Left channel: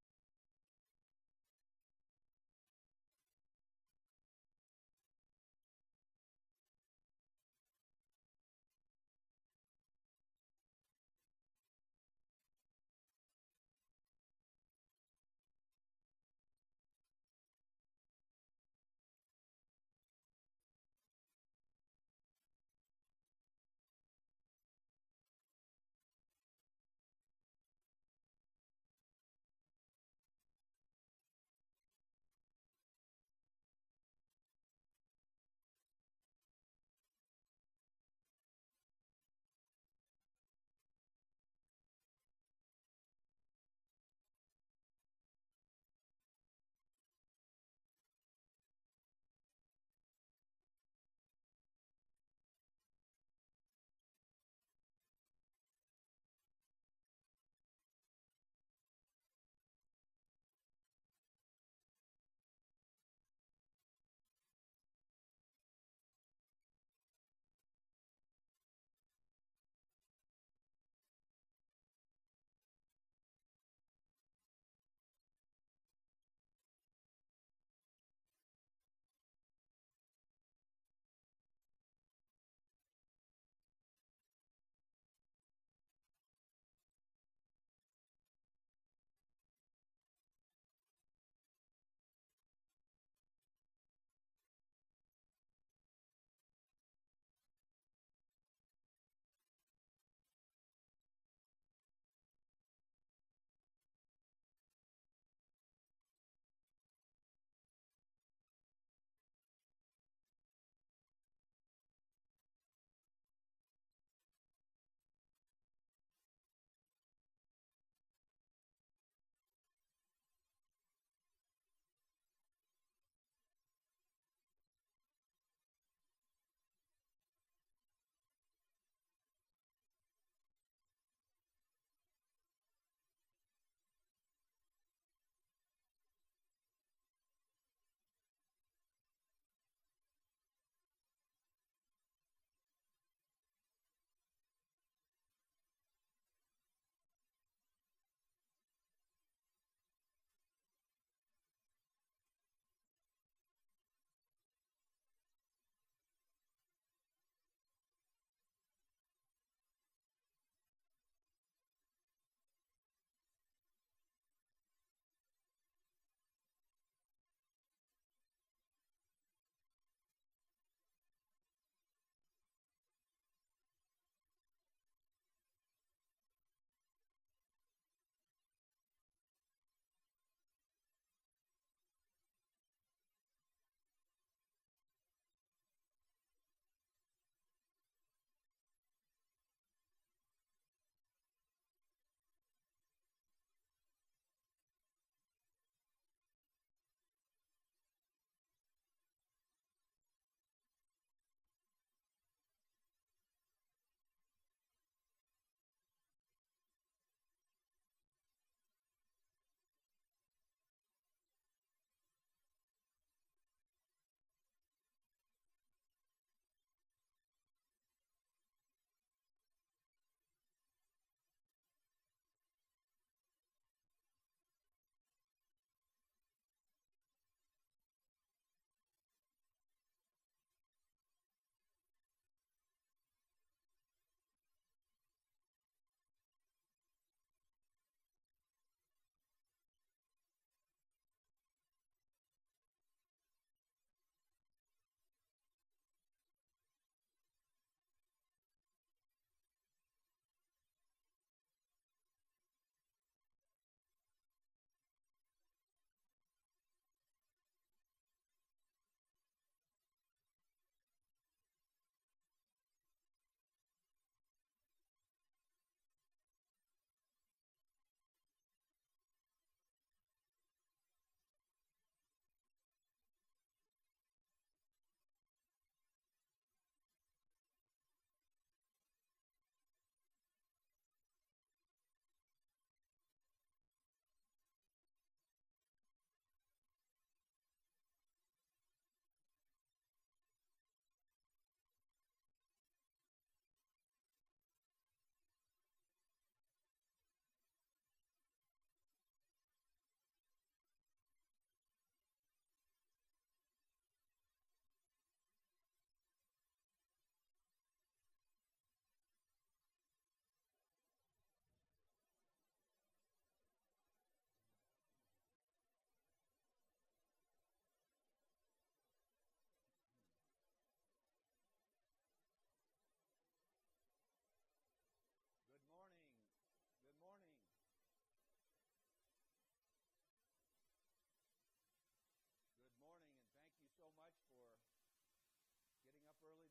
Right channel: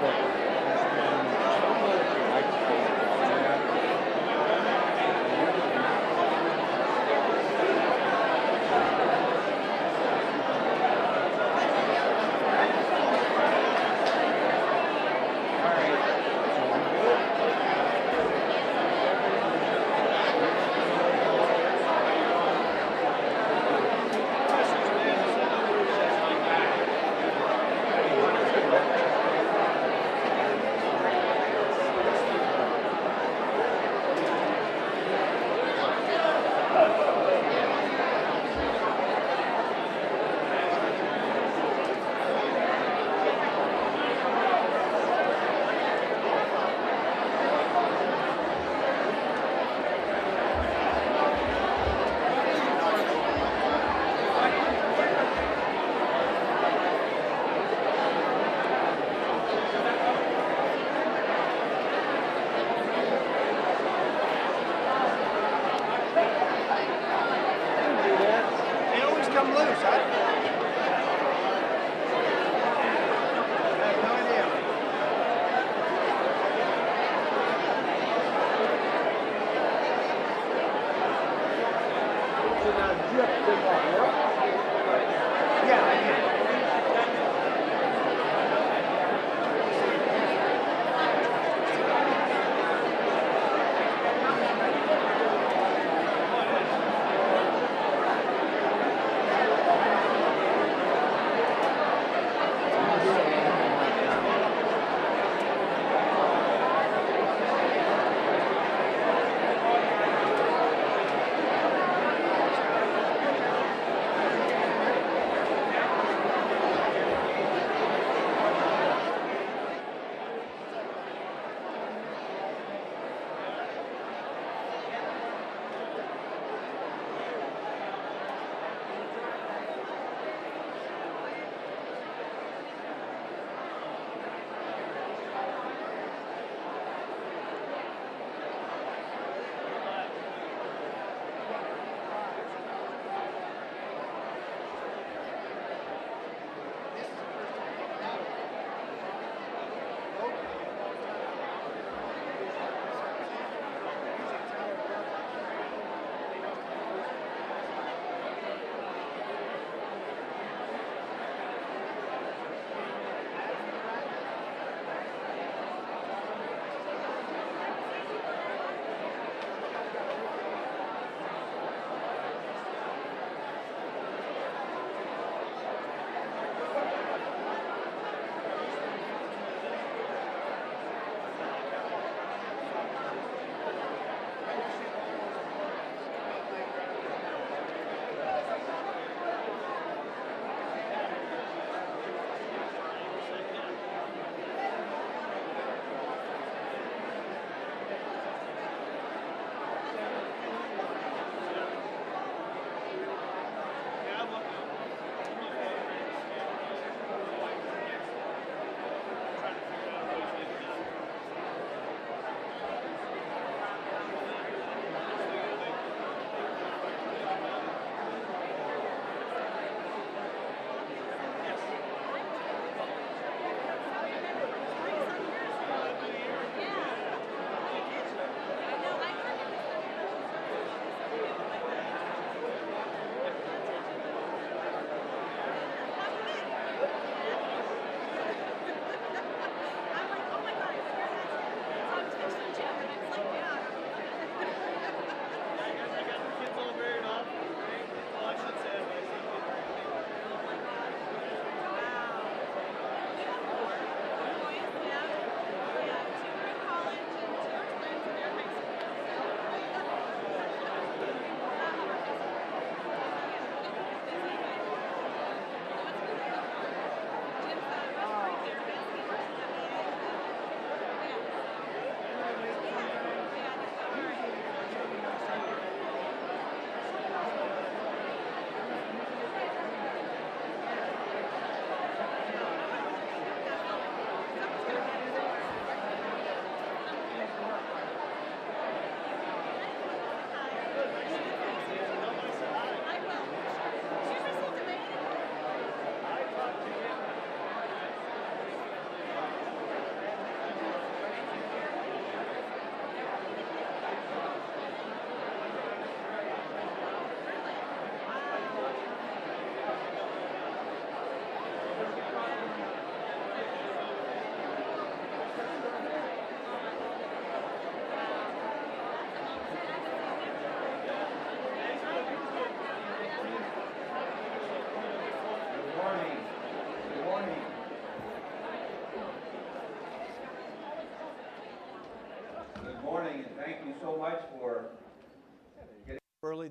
but I don't know if you like to play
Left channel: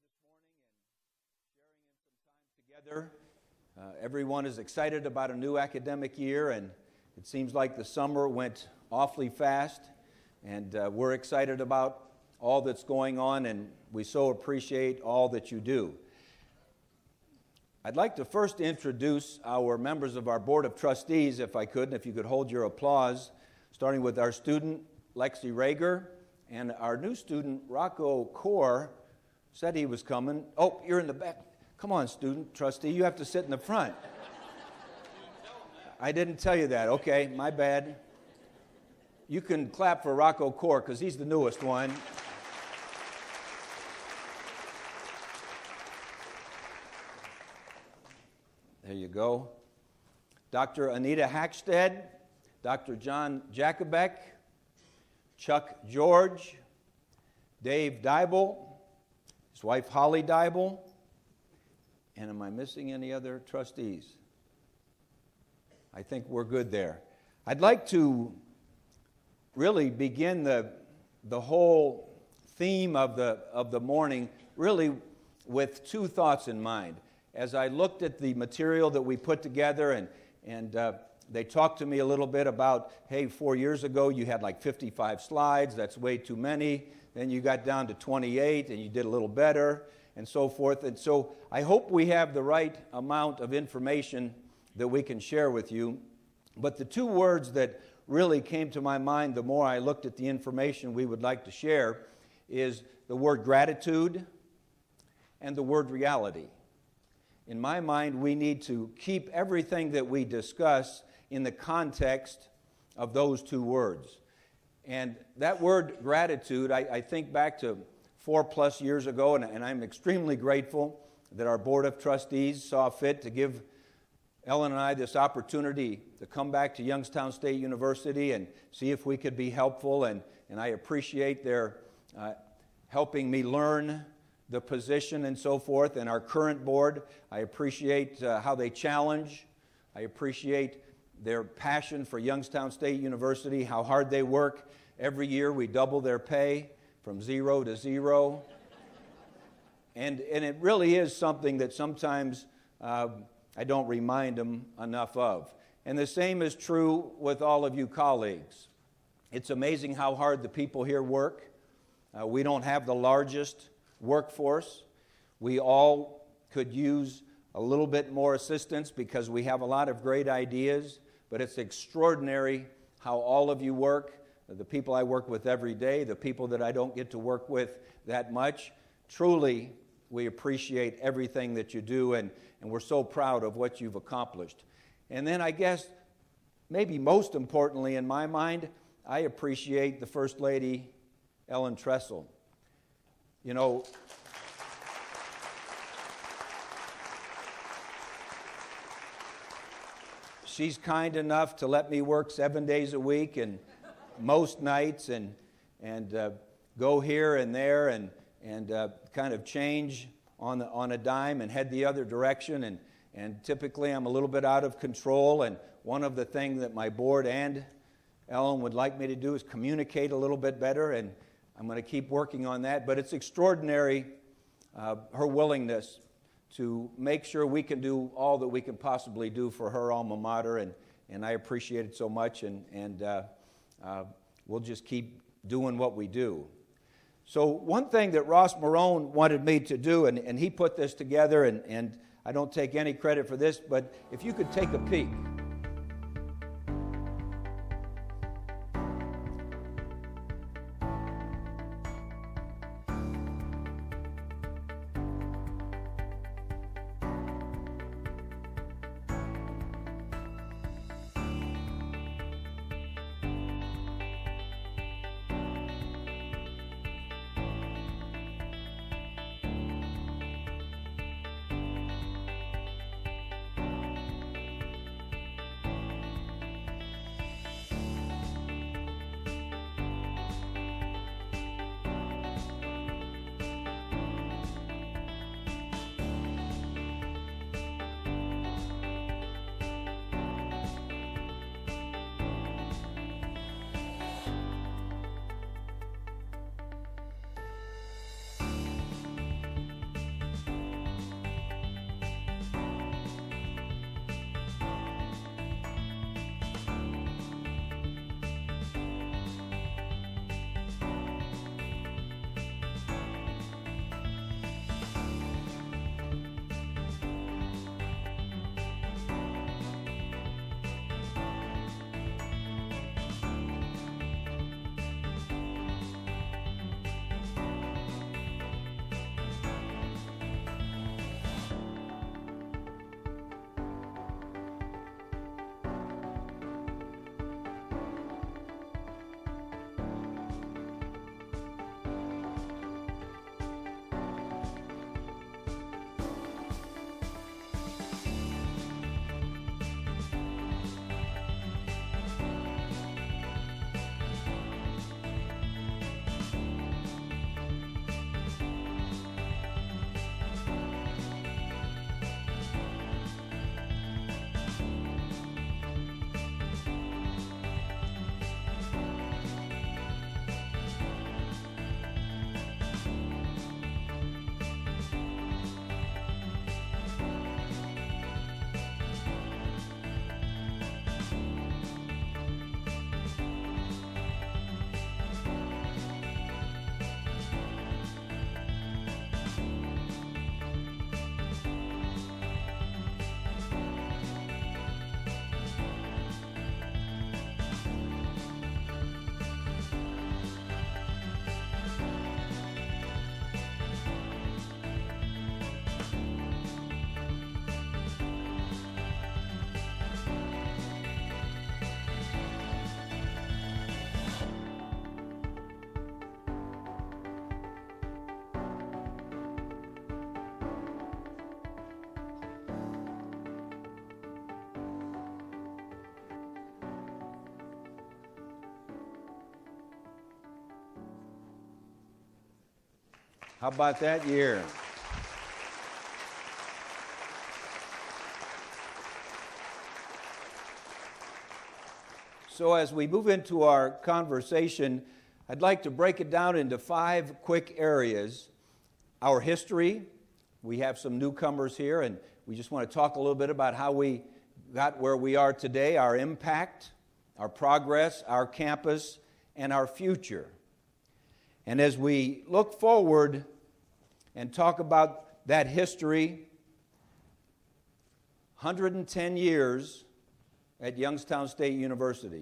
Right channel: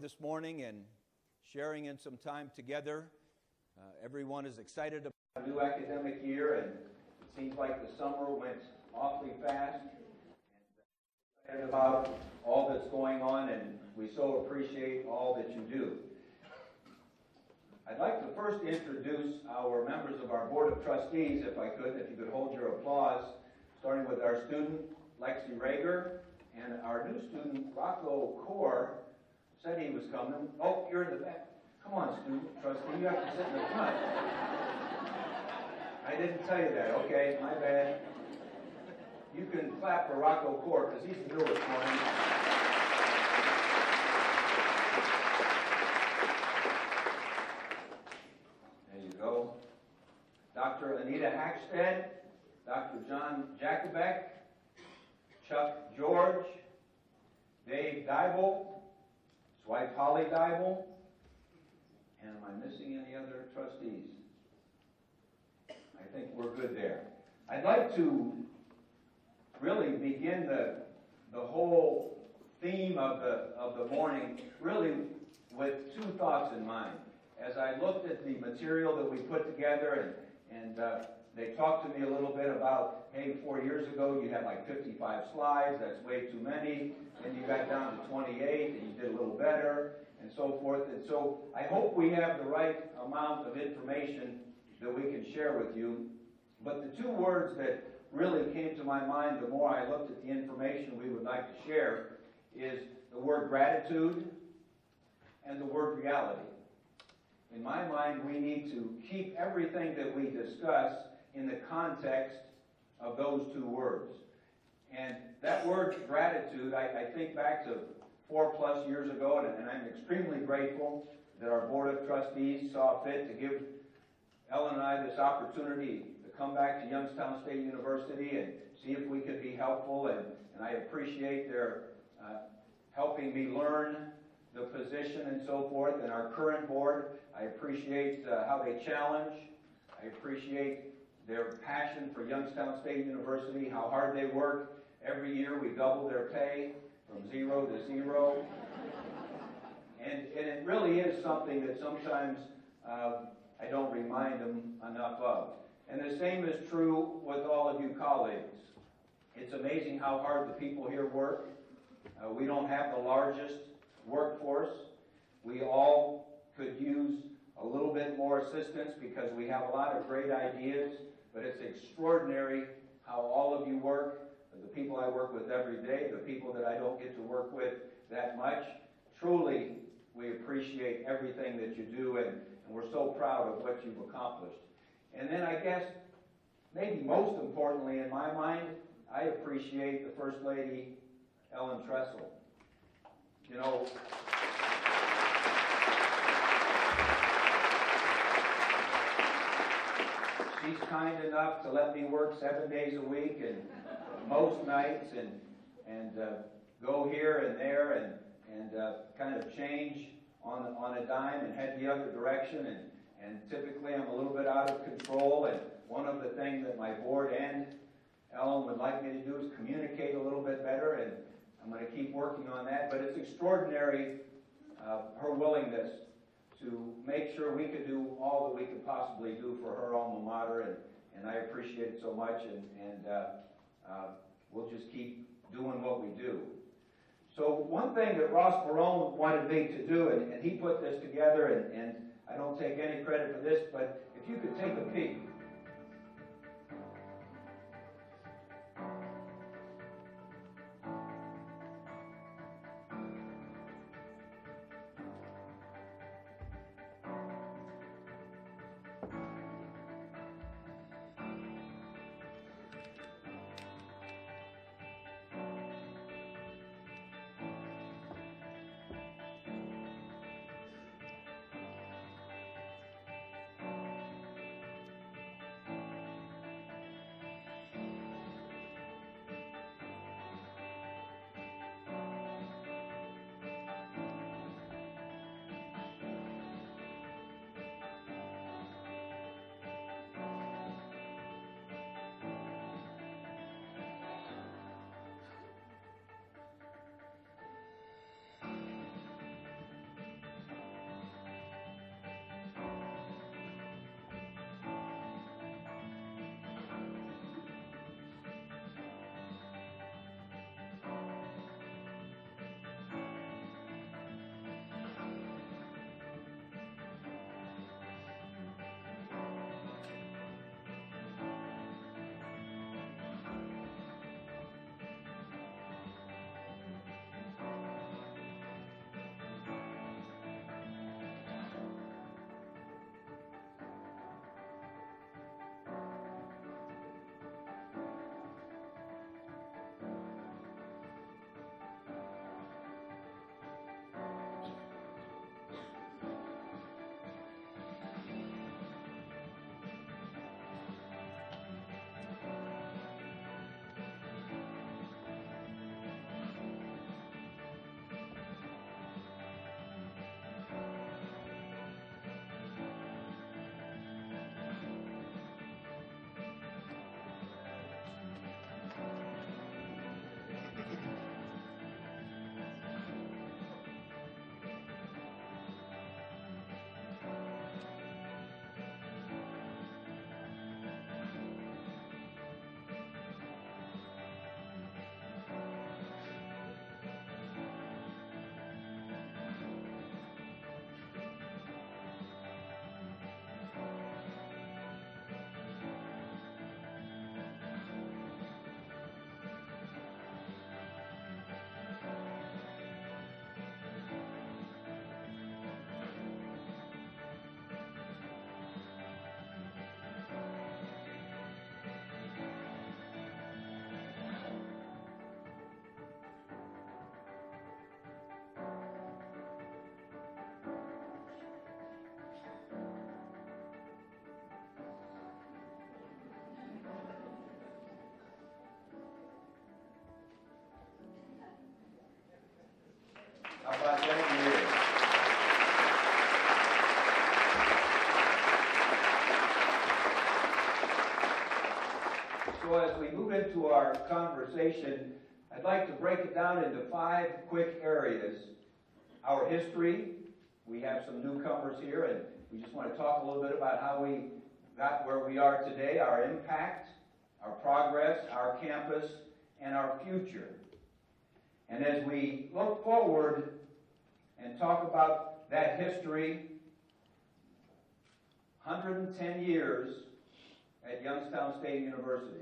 this morning and sharing in some time together. Everyone is excited about a new academic year, and it seems like the summer went awfully fast, and we're excited about all that's going on, and we so appreciate all that you do. I'd like to first introduce our members of our Board of Trustees, if I could, and if you could hold your applause, starting with our student, Lexi Rager, and our new student, Rocco Core, said he was coming. Oh, you're in the back. Come on, student trustee, you have to sit in the front. I didn't tell you that. Okay, my bad. You can clap for Rocco Core because he's the newest one. There you go. Dr. Anita Hackstead, Dr. John Jakubek, Chuck George, Dave Dybel, his wife Holly Dybel, and am I missing any other trustees? I think we're good there. I'd like to really begin the whole theme of the morning really with two thoughts in mind. As I looked at the material that we put together and they talked to me a little bit about, hey, 4 years ago you had like 55 slides, that's way too many. Then you got down to 28 and you did a little better and so forth. And so I hope we have the right amount of information that we can share with you. But the two words that really came to my mind the more I looked at the information we would like to share is the word gratitude and the word reality. In my mind, we need to keep everything that we discuss in the context of those two words. And that word gratitude, I think back to 4+ years ago, and I'm extremely grateful that our Board of Trustees saw fit to give Ellen and I this opportunity to come back to Youngstown State University and see if we could be helpful, and I appreciate their helping me learn the position and so forth. And our current board, I appreciate how they challenge. I appreciate their passion for Youngstown State University, how hard they work. Every year we double their pay from 0 to 0. And it really is something that sometimes I don't remind them enough of. And the same is true with all of you colleagues. It's amazing how hard the people here work. We don't have the largest workforce. We all could use a little bit more assistance because we have a lot of great ideas, but it's extraordinary how all of you work, the people I work with every day, the people that I don't get to work with that much. Truly, we appreciate everything that you do, and we're so proud of what you've accomplished. And then I guess, maybe most importantly in my mind, I appreciate the First Lady, Ellen Tressel. You know, she's kind enough to let me work 7 days a week and most nights and go here and there and kind of change on a dime and head the other direction. And typically I'm a little bit out of control. And one of the things that my board and Ellen would like me to do is communicate a little bit better, and I'm going to keep working on that. But it's extraordinary, her willingness to make sure we can do all that we can possibly do for her alma mater, and I appreciate it so much, and we'll just keep doing what we do. So one thing that Ross Marone wanted me to do, and he put this together, and I don't take any credit for this, but if you could take a peek. How about that year? So as we move into our conversation, I'd like to break it down into 5 quick areas. Our history, we have some newcomers here, and we just want to talk a little bit about how we got where we are today, our impact, our progress, our campus, and our future. And as we look forward and talk about that history, 110 years at Youngstown State University.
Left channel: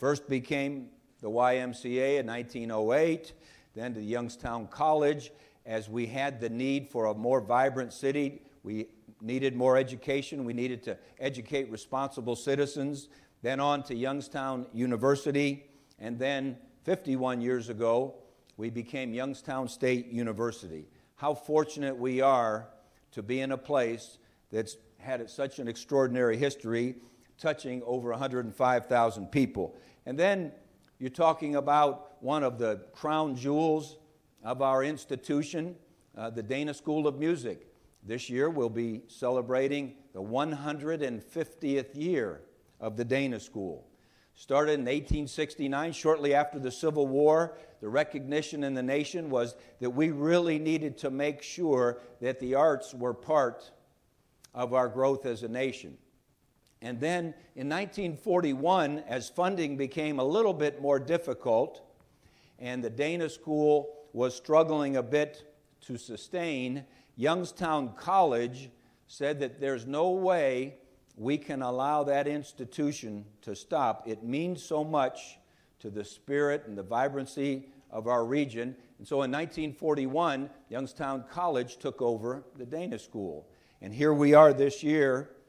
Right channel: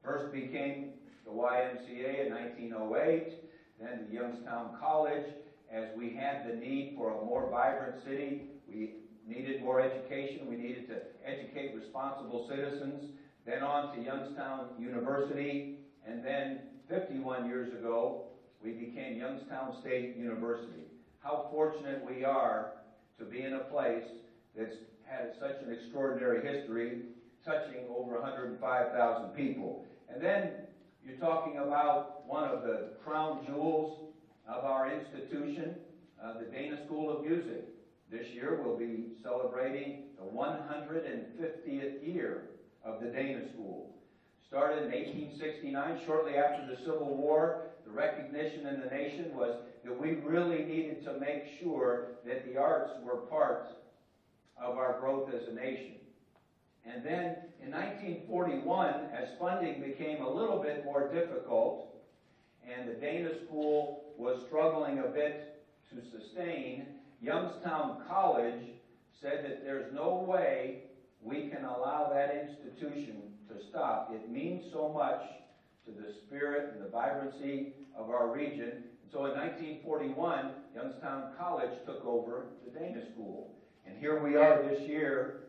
First became the YMCA in 1908, then to Youngstown College. As we had the need for a more vibrant city, we needed more education. We needed to educate responsible citizens. Then on to Youngstown University. And then 51 years ago, we became Youngstown State University. How fortunate we are to be in a place that's had such an extraordinary history, touching over 105,000 people. And then you're talking about one of the crown jewels of our institution, the Dana School of Music. This year we'll be celebrating the 150th year of the Dana School. Started in 1869, shortly after the Civil War. The recognition in the nation was that we really needed to make sure that the arts were part of our growth as a nation. And then in 1941, as funding became a little bit more difficult and the Dana School was struggling a bit to sustain, Youngstown College said that there's no way we can allow that institution to stop. It means so much to the spirit and the vibrancy of our region. And so in 1941, Youngstown College took over the Dana School. And here we are this year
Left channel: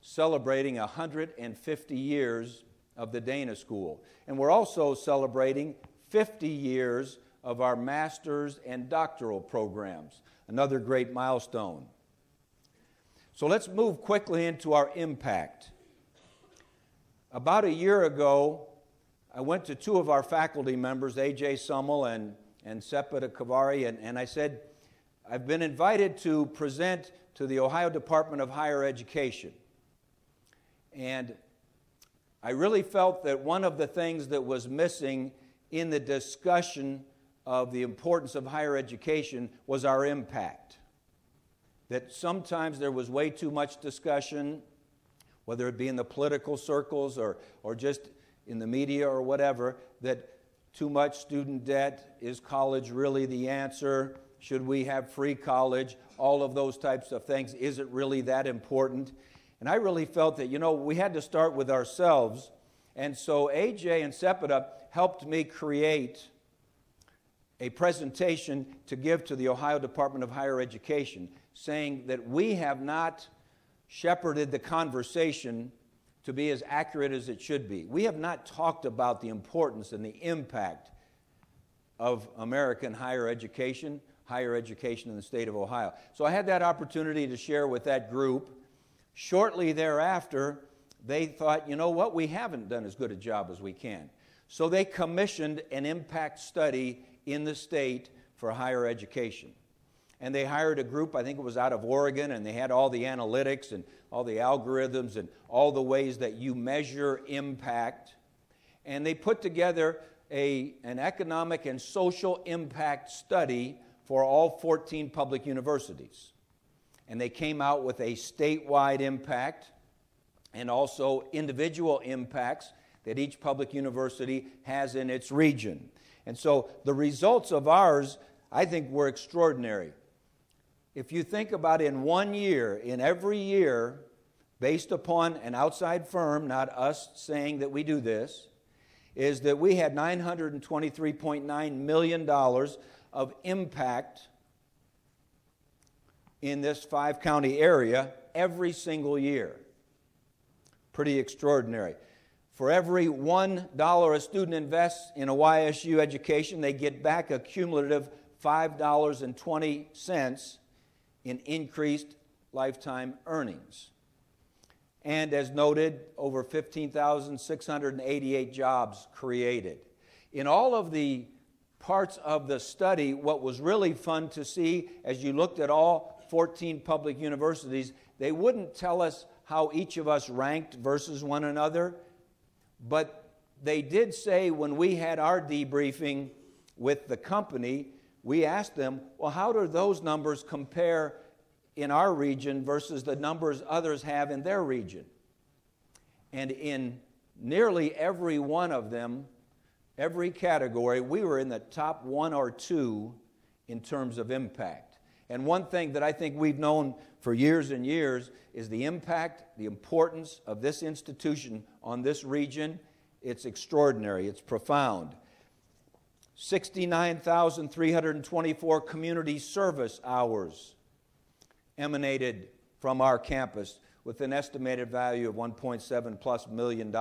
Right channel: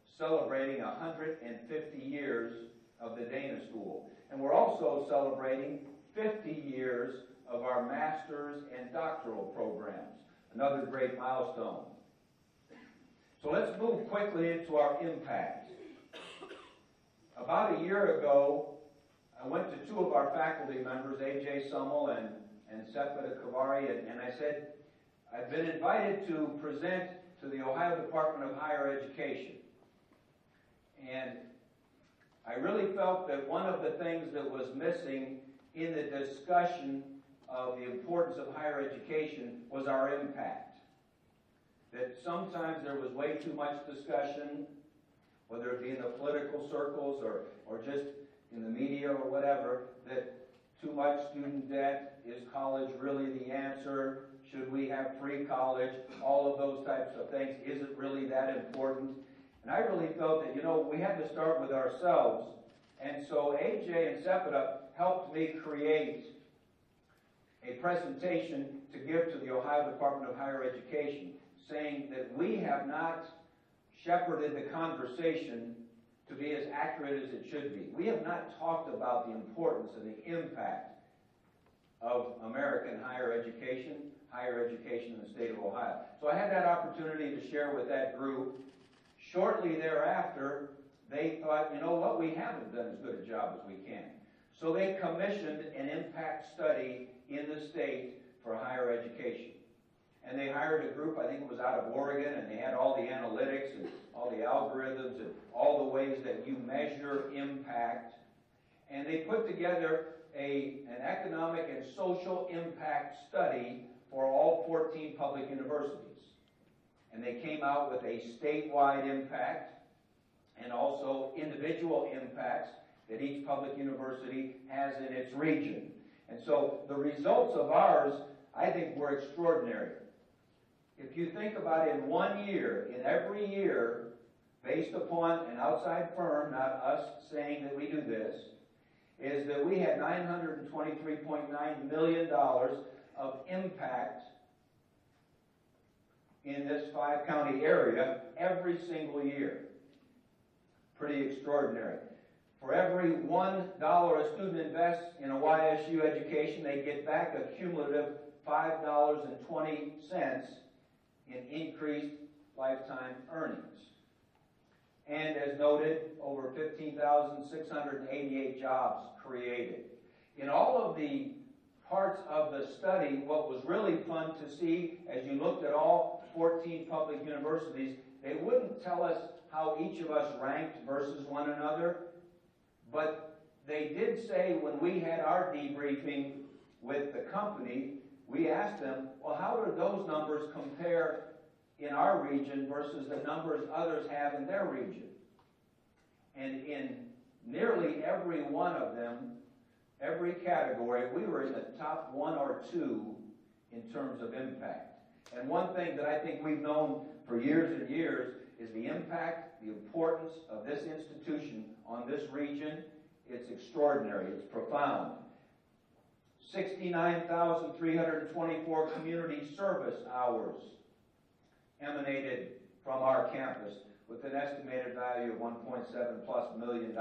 celebrating 150 years of the Dana School. And we're also celebrating 50 years of our master's and doctoral programs, another great milestone. So let's move quickly into our impact. About a year ago, I went to 2 of our faculty members, A.J. Summel and Sepida Kavari, and I said, I've been invited to present to the Ohio Department of Higher Education. And I really felt that one of the things that was missing in the discussion of the importance of higher education was our impact. That sometimes there was way too much discussion, whether it be in the political circles or just in the media or whatever, that too much student debt, is college really the answer? Should we have free college? All of those types of things. Is it really that important? And I really felt that, we had to start with ourselves. And so AJ and Sepida helped me create a presentation to give to the Ohio Department of Higher Education, saying that we have not shepherded the conversation to be as accurate as it should be. We have not talked about the importance and the impact of American higher education in the state of Ohio. So I had that opportunity to share with that group. Shortly thereafter, they thought, we haven't done as good a job as we can. So they commissioned an impact study in the state for higher education. And they hired a group, I think it was out of Oregon, and they had all the analytics and all the algorithms and all the ways that you measure impact. And they put together an economic and social impact study for all 14 public universities. And they came out with a statewide impact and also individual impacts that each public university has in its region. And so the results of ours, I think, were extraordinary. If you think about in 1 year, in every year, based upon an outside firm, not us saying that we do this, is that we had $923.9 million of impact in this 5-county area every single year. Pretty extraordinary. For every $1 a student invests in a YSU education, they get back a cumulative $5.20 in increased lifetime earnings. And as noted, over 15,688 jobs created. In all of the parts of the study, what was really fun to see as you looked at all 14 public universities, they wouldn't tell us how each of us ranked versus one another, but they did say when we had our debriefing with the company, we asked them, well, how do those numbers compare in our region versus the numbers others have in their region? And in nearly every one of them, every category, we were in the top 1 or 2 in terms of impact. And one thing that I think we've known for years and years is the impact, the importance of this institution on this region. It's extraordinary. It's profound. 69,324 community service hours emanated from our campus with an estimated value of $1.7+ million.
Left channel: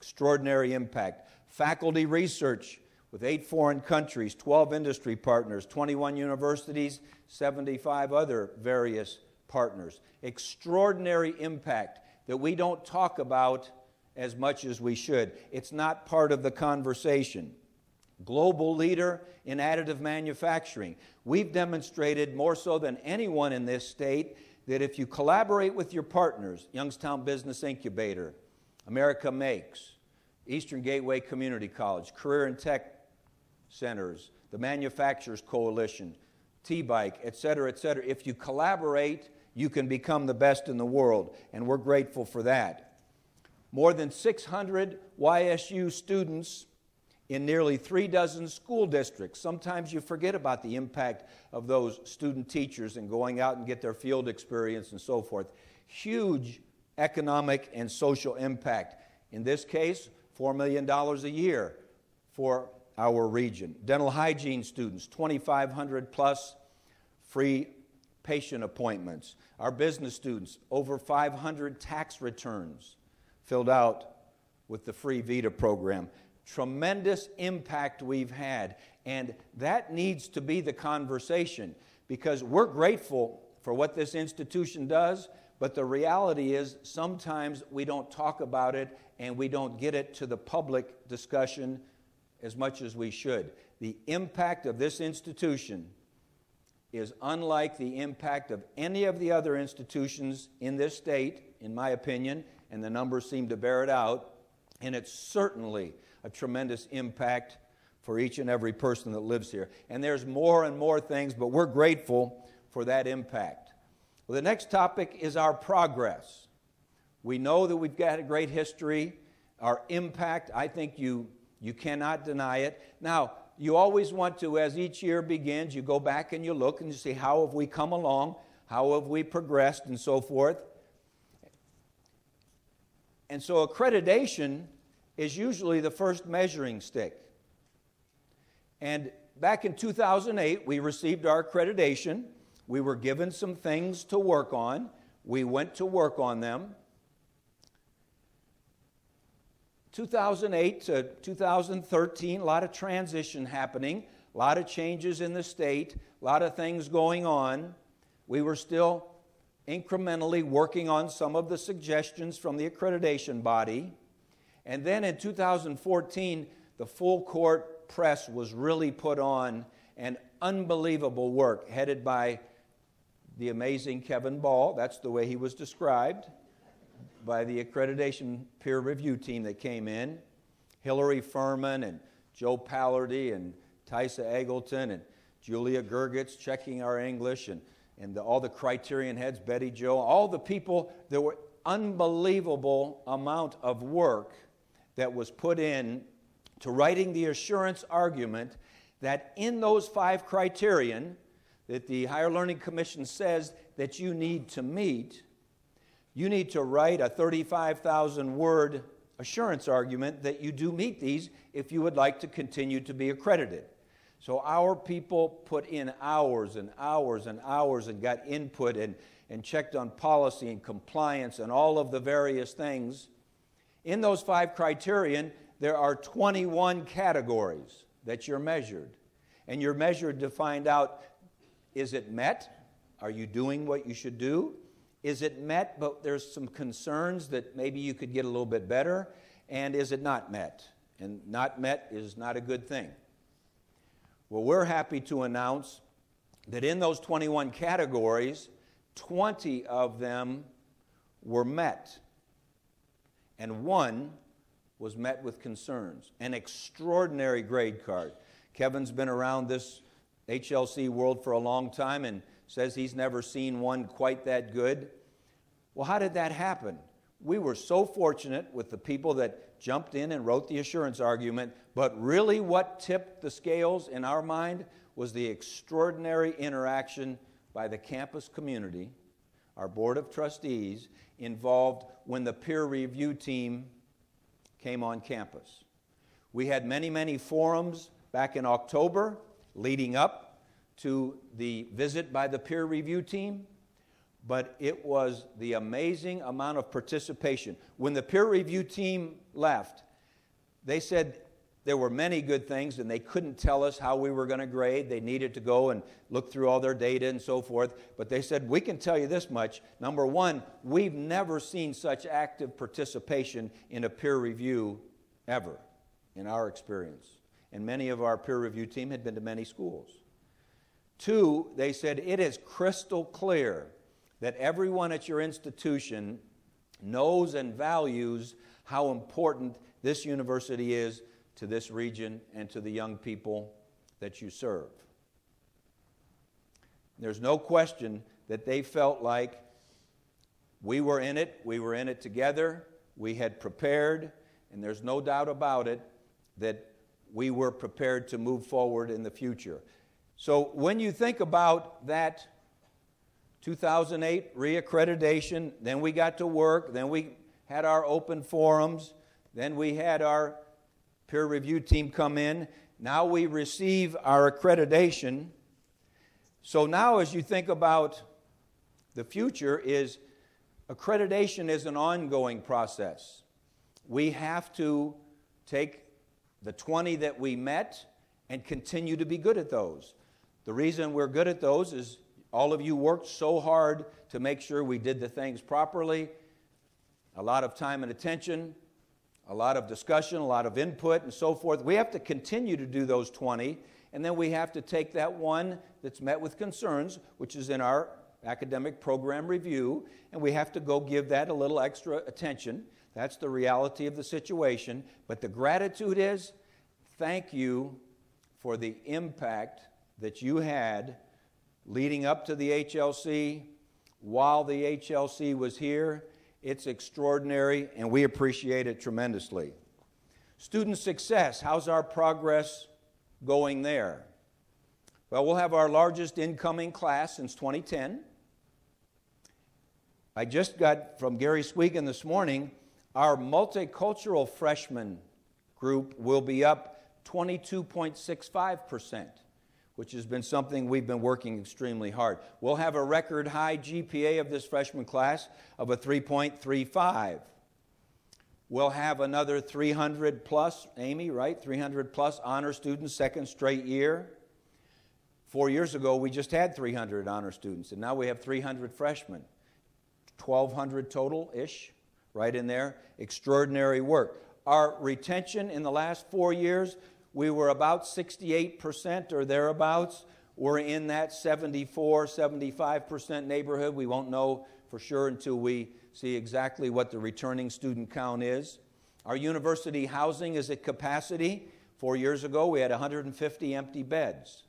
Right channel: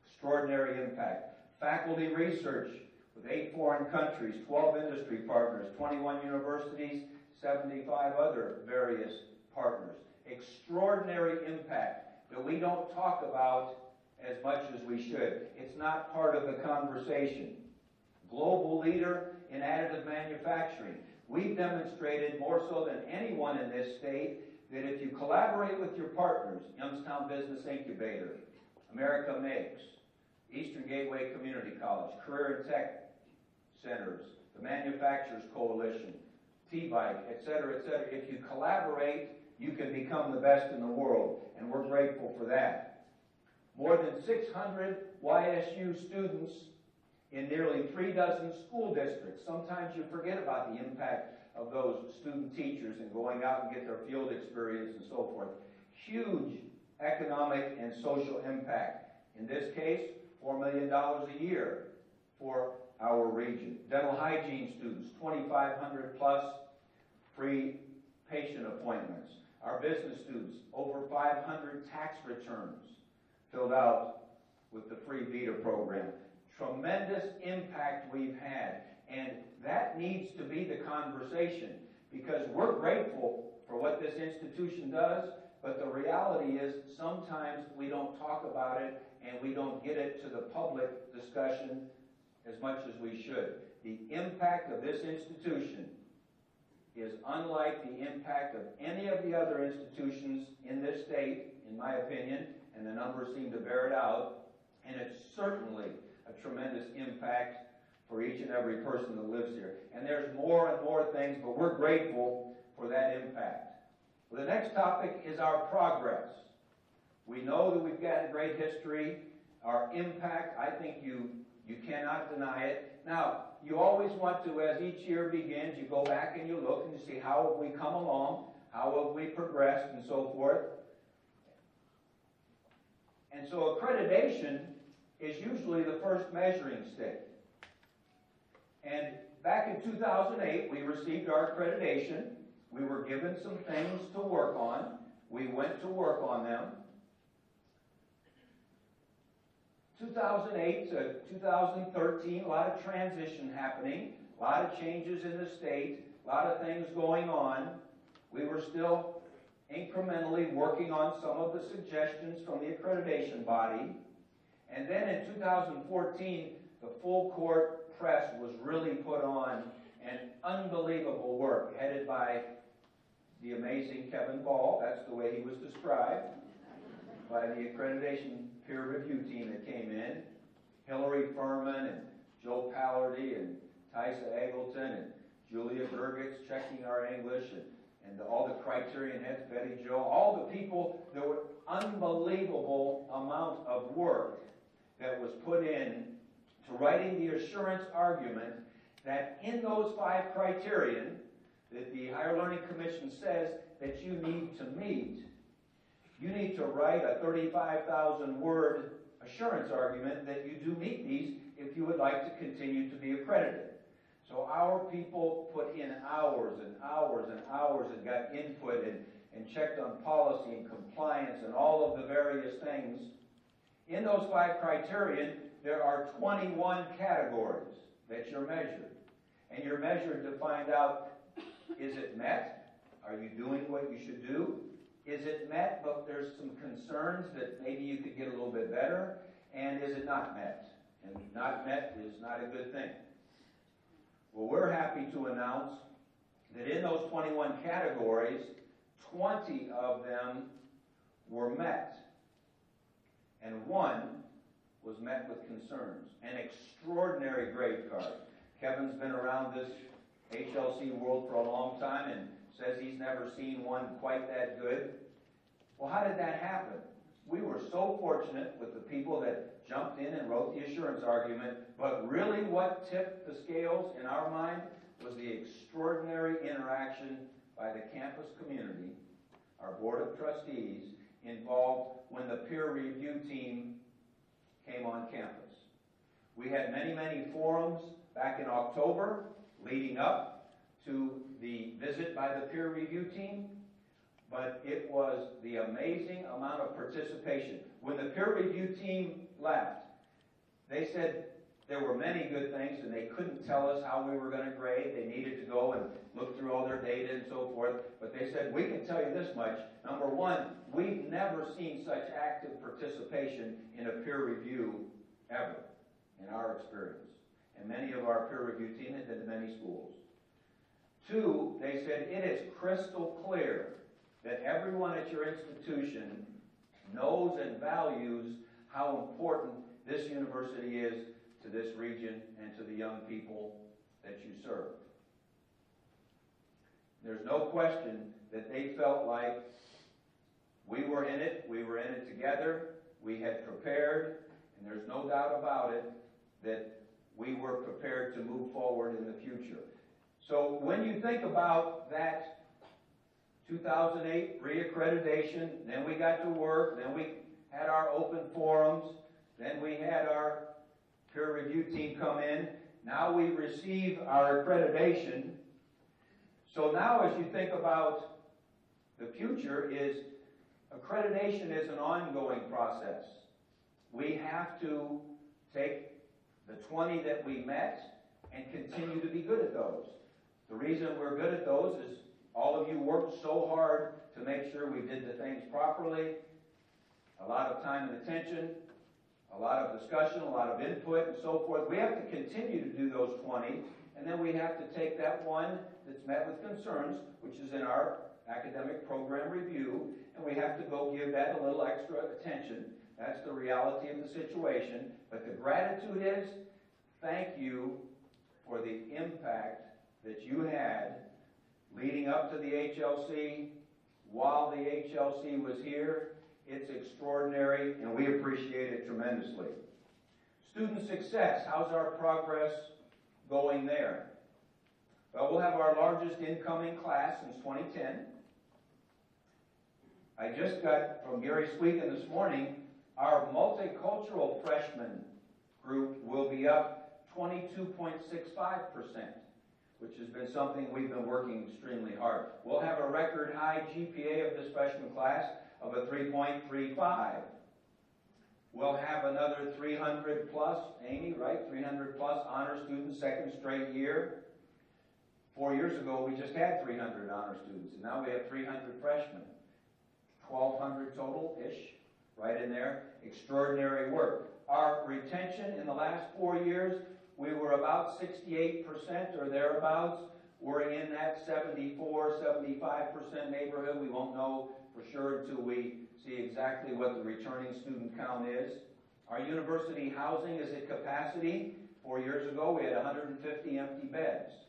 Extraordinary impact. Faculty research with 8 foreign countries, 12 industry partners, 21 universities, 75 other various partners. Extraordinary impact that we don't talk about as much as we should. It's not part of the conversation. Global leader in additive manufacturing. We've demonstrated more so than anyone in this state that if you collaborate with your partners, Youngstown Business Incubator, America Makes, Eastern Gateway Community College, Career and Tech Centers, the Manufacturers Coalition, T-Bike, et cetera, if you collaborate, you can become the best in the world, and we're grateful for that. More than 600 YSU students in nearly 3 dozen school districts. Sometimes you forget about the impact of those student teachers and going out and get their field experience and so forth. Huge economic and social impact. In this case, $4 million a year for our region. Dental hygiene students, 2,500 plus free patient appointments. Our business students, over 500 tax returns filled out with the free VITA program. Tremendous impact we've had, and that needs to be the conversation because we're grateful for what this institution does, but the reality is sometimes we don't talk about it and we don't get it to the public discussion as much as we should. The impact of this institution is unlike the impact of any of the other institutions in this state, in my opinion, and the numbers seem to bear it out, and it's certainly a tremendous impact for each and every person that lives here. And there's more and more things, but we're grateful for that impact. Well, the next topic is our progress. We know that we've got a great history. Our impact, I think you cannot deny it. Now, you always want to, as each year begins, you go back and you look and you see how have we come along, how have we progressed, and so forth. And so accreditation is usually the first measuring stick. And back in 2008, we received our accreditation. We were given some things to work on. We went to work on them. 2008 to 2013, a lot of transition happening, a lot of changes in the state, a lot of things going on. We were still incrementally working on some of the suggestions from the accreditation body. And then in 2014, the full court press was really put on, and unbelievable work headed by the amazing Kevin Ball. That's the way he was described by the accreditation peer review team that came in. Hillary Furman and Joe Pallardy and Tysa Eggleton and Julia Gergitz checking our English and all the criterion heads, Betty Jo, all the people. There were unbelievable amount of work that was put in to writing the assurance argument that in those 5 criterion that the Higher Learning Commission says that you need to meet, you need to write a 35,000-word assurance argument that you do meet these if you would like to continue to be accredited. So our people put in hours and hours and hours and got input and checked on policy and compliance and all of the various things. In those 5 criterion, there are 21 categories that you're measured. And you're measured to find out, is it met? Are you doing what you should do? Is it met, but there's some concerns that maybe you could get a little bit better? And is it not met? And not met is not a good thing. Well, we're happy to announce that in those 21 categories, 20 of them were met, and one was met with concerns. An extraordinary grade card. Kevin's been around this HLC world for a long time and says he's never seen one quite that good. Well, how did that happen? We were so fortunate with the people that jumped in and wrote the assurance argument, but really what tipped the scales in our mind was the extraordinary interaction by the campus community, our board of trustees, involved when the peer review team came on campus. We had many, many forums back in October leading up to the visit by the peer review team, but it was the amazing amount of participation. When the peer review team left, they said there were many good things and they couldn't tell us how we were going to grade. They needed to go and look through all their data and so forth, but they said, we can tell you this much. Number one, we've never seen such active participation in a peer review ever in our experience. And many of our peer review team had been to many schools. Two, they said it is crystal clear that everyone at your institution knows and values how important this university is to this region and to the young people that you serve. There's no question that they felt like we were in it together, we had prepared, and there's no doubt about it that we were prepared to move forward in the future. So when you think about that 2008 reaccreditation, then we got to work, then we had our open forums, then we had our peer review team come in, now we receive our accreditation. So now as you think about the future, accreditation is an ongoing process. We have to take the 20 that we met and continue to be good at those. The reason we're good at those is all of you worked so hard to make sure we did the things properly. A lot of time and attention, a lot of discussion, a lot of input and so forth. We have to continue to do those 20, and then we have to take that one that's met with concerns, which is in our academic program review, and we have to go give that a little extra attention. That's the reality of the situation. But the gratitude is, thank you for the impact that you had leading up to the HLC, while the HLC was here. It's extraordinary, and we appreciate it tremendously. Student success, how's our progress going there? Well, we'll have our largest incoming class since 2010. I just got from Gary Swegan this morning, our multicultural freshman group will be up 22.65%. which has been something we've been working extremely hard. We'll have a record high GPA of this freshman class of a 3.35. We'll have another 300 plus, Amy, right? 300 plus honor students, second straight year. 4 years ago, we just had 300 honor students, and now we have 300 freshmen. 1,200 total-ish, right in there. Extraordinary work. Our retention in the last 4 years, we were about 68% or thereabouts. We're in that 74, 75% neighborhood. We won't know for sure until we see exactly what the returning student count is. Our university housing is at capacity. 4 years ago, we had 150 empty beds.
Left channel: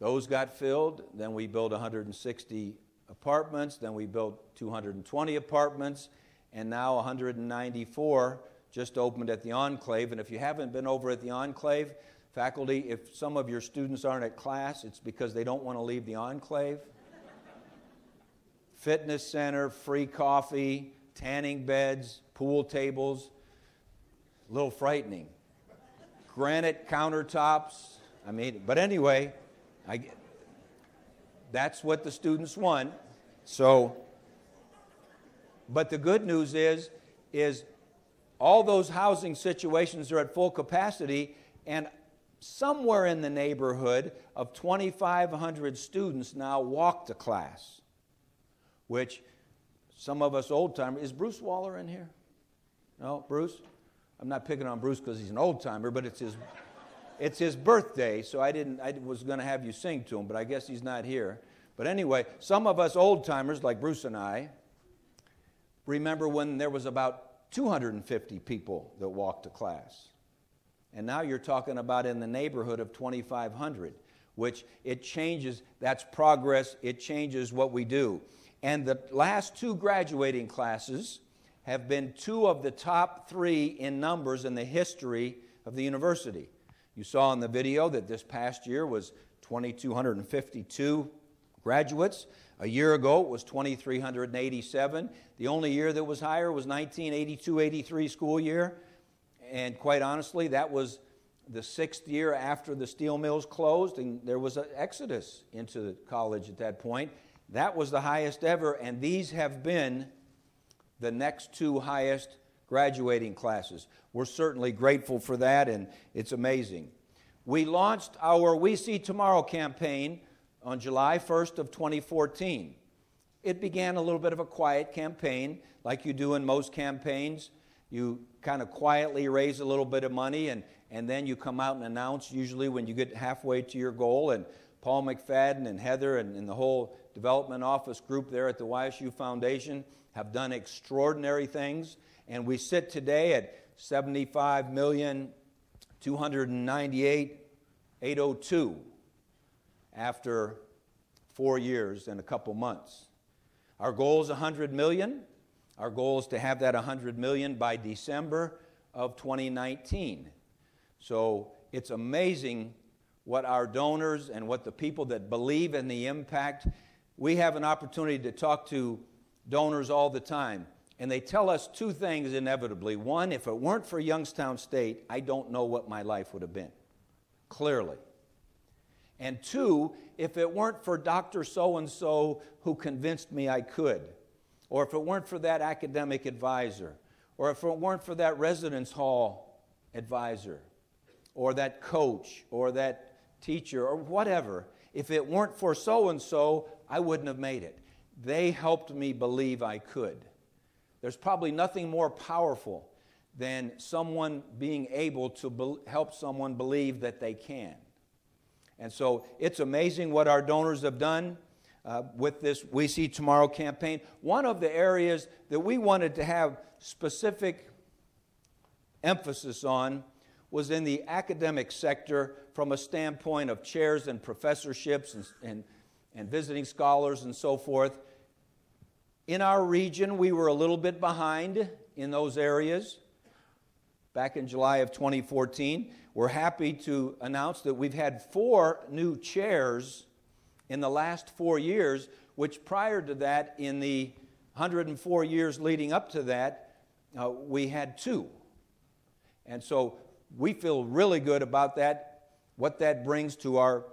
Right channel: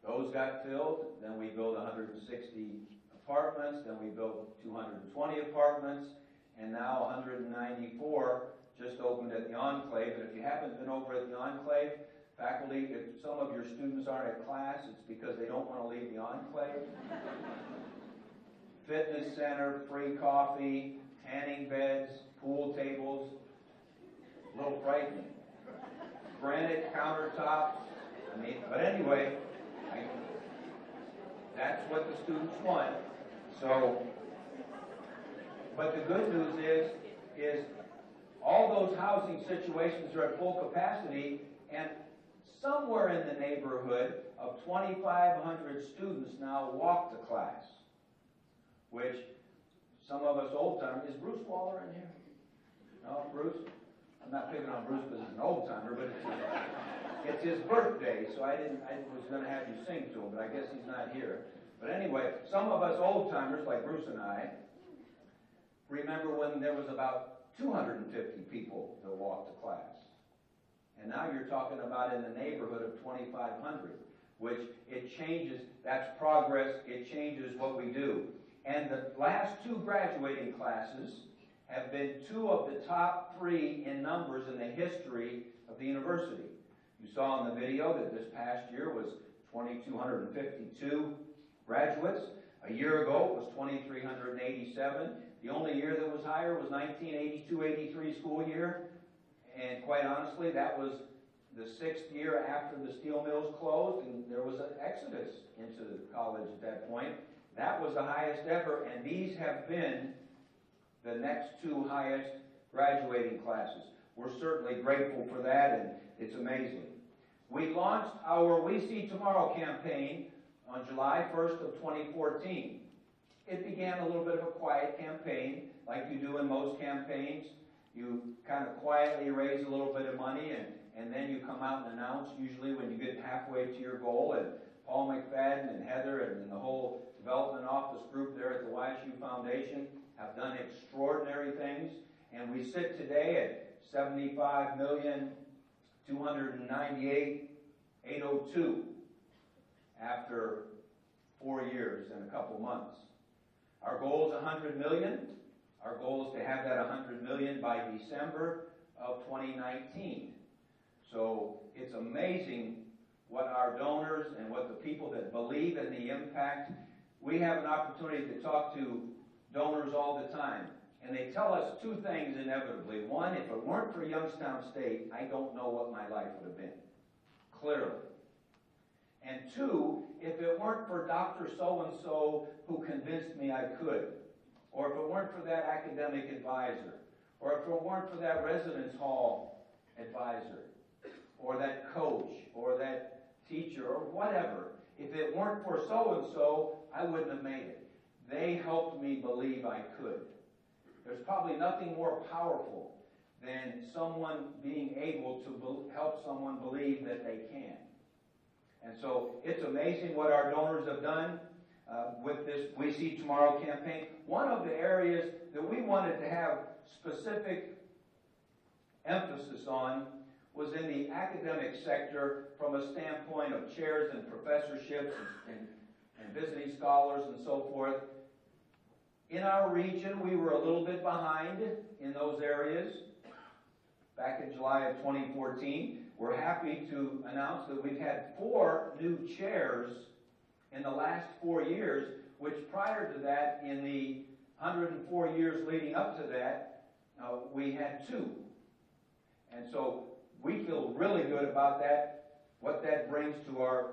Those got filled. Then we built 160 apartments. Then we built 220 apartments. And now 194 just opened at the Enclave. And if you haven't been over at the Enclave, faculty, if some of your students aren't at class, it's because they don't want to leave the Enclave. Fitness center, free coffee, tanning beds, pool tables. A little frightening. Granite countertops. But anyway, that's what the students want. So, but the good news is all those housing situations are at full capacity, and somewhere in the neighborhood of 2,500 students now walk to class, which some of us old-timers, is Bruce Waller in here? No, Bruce? I'm not picking on Bruce because he's an old-timer, but it's his, It's his birthday, so I was going to have you sing to him, but I guess he's not here. But anyway, some of us old-timers, like Bruce and I, remember when there was about 250 people that walked to class. And now you're talking about in the neighborhood of 2,500, which it changes, that's progress, it changes what we do. And the last two graduating classes have been two of the top three in numbers in the history of the university. You saw in the video that this past year was 2,252 graduates. A year ago it was 2,387. The only year that was higher was 1982-83 school year. And quite honestly, that was the 6th year after the steel mills closed, and there was an exodus into college at that point. That was the highest ever, and these have been the next two highest graduating classes. We're certainly grateful for that, and it's amazing. We launched our We See Tomorrow campaign on July 1st of 2014. It began a little bit of a quiet campaign, like you do in most campaigns. You kind of quietly raise a little bit of money, and then you come out and announce, usually when you get halfway to your goal. And Paul McFadden and Heather and the whole development office group there at the YSU Foundation have done extraordinary things. And we sit today at $75,298,802 after 4 years and a couple months. Our goal is $100 million. Our goal is to have that $100 million by December of 2019. So it's amazing what our donors and what the people that believe in the impact. We have an opportunity to talk to donors all the time, and they tell us two things inevitably. One, if it weren't for Youngstown State, I don't know what my life would have been, clearly. And two, if it weren't for Dr. So-and-so who convinced me I could, or if it weren't for that academic advisor, or if it weren't for that residence hall advisor, or that coach, or that teacher, or whatever, if it weren't for so-and-so, I wouldn't have made it. They helped me believe I could. There's probably nothing more powerful than someone being able to help someone believe that they can. And so it's amazing what our donors have done with this We See Tomorrow campaign. One of the areas that we wanted to have specific emphasis on was in the academic sector from a standpoint of chairs and professorships and visiting scholars and so forth. In our region, we were a little bit behind in those areas. Back in July of 2014, we're happy to announce that we've had 4 new chairs in the last 4 years, which prior to that, in the 104 years leading up to that, we had 2. And so we feel really good about that, what that brings to our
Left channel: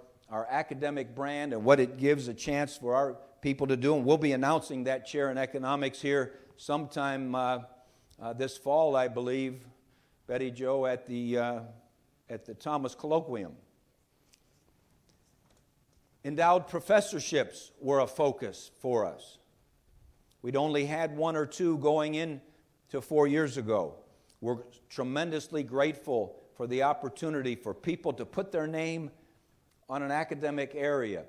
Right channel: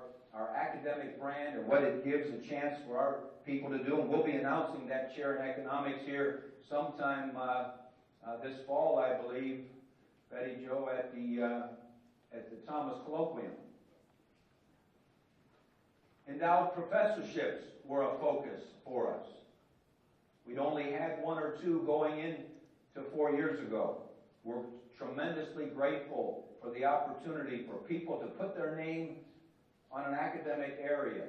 academic brand and what it gives a chance for our people to do. And we'll be announcing that chair in economics here sometime this fall, I believe, Betty Jo, at the Thomas Colloquium. Endowed professorships were a focus for us. We'd only had 1 or 2 going in to 4 years ago. We're tremendously grateful for the opportunity for people to put their name on an academic area,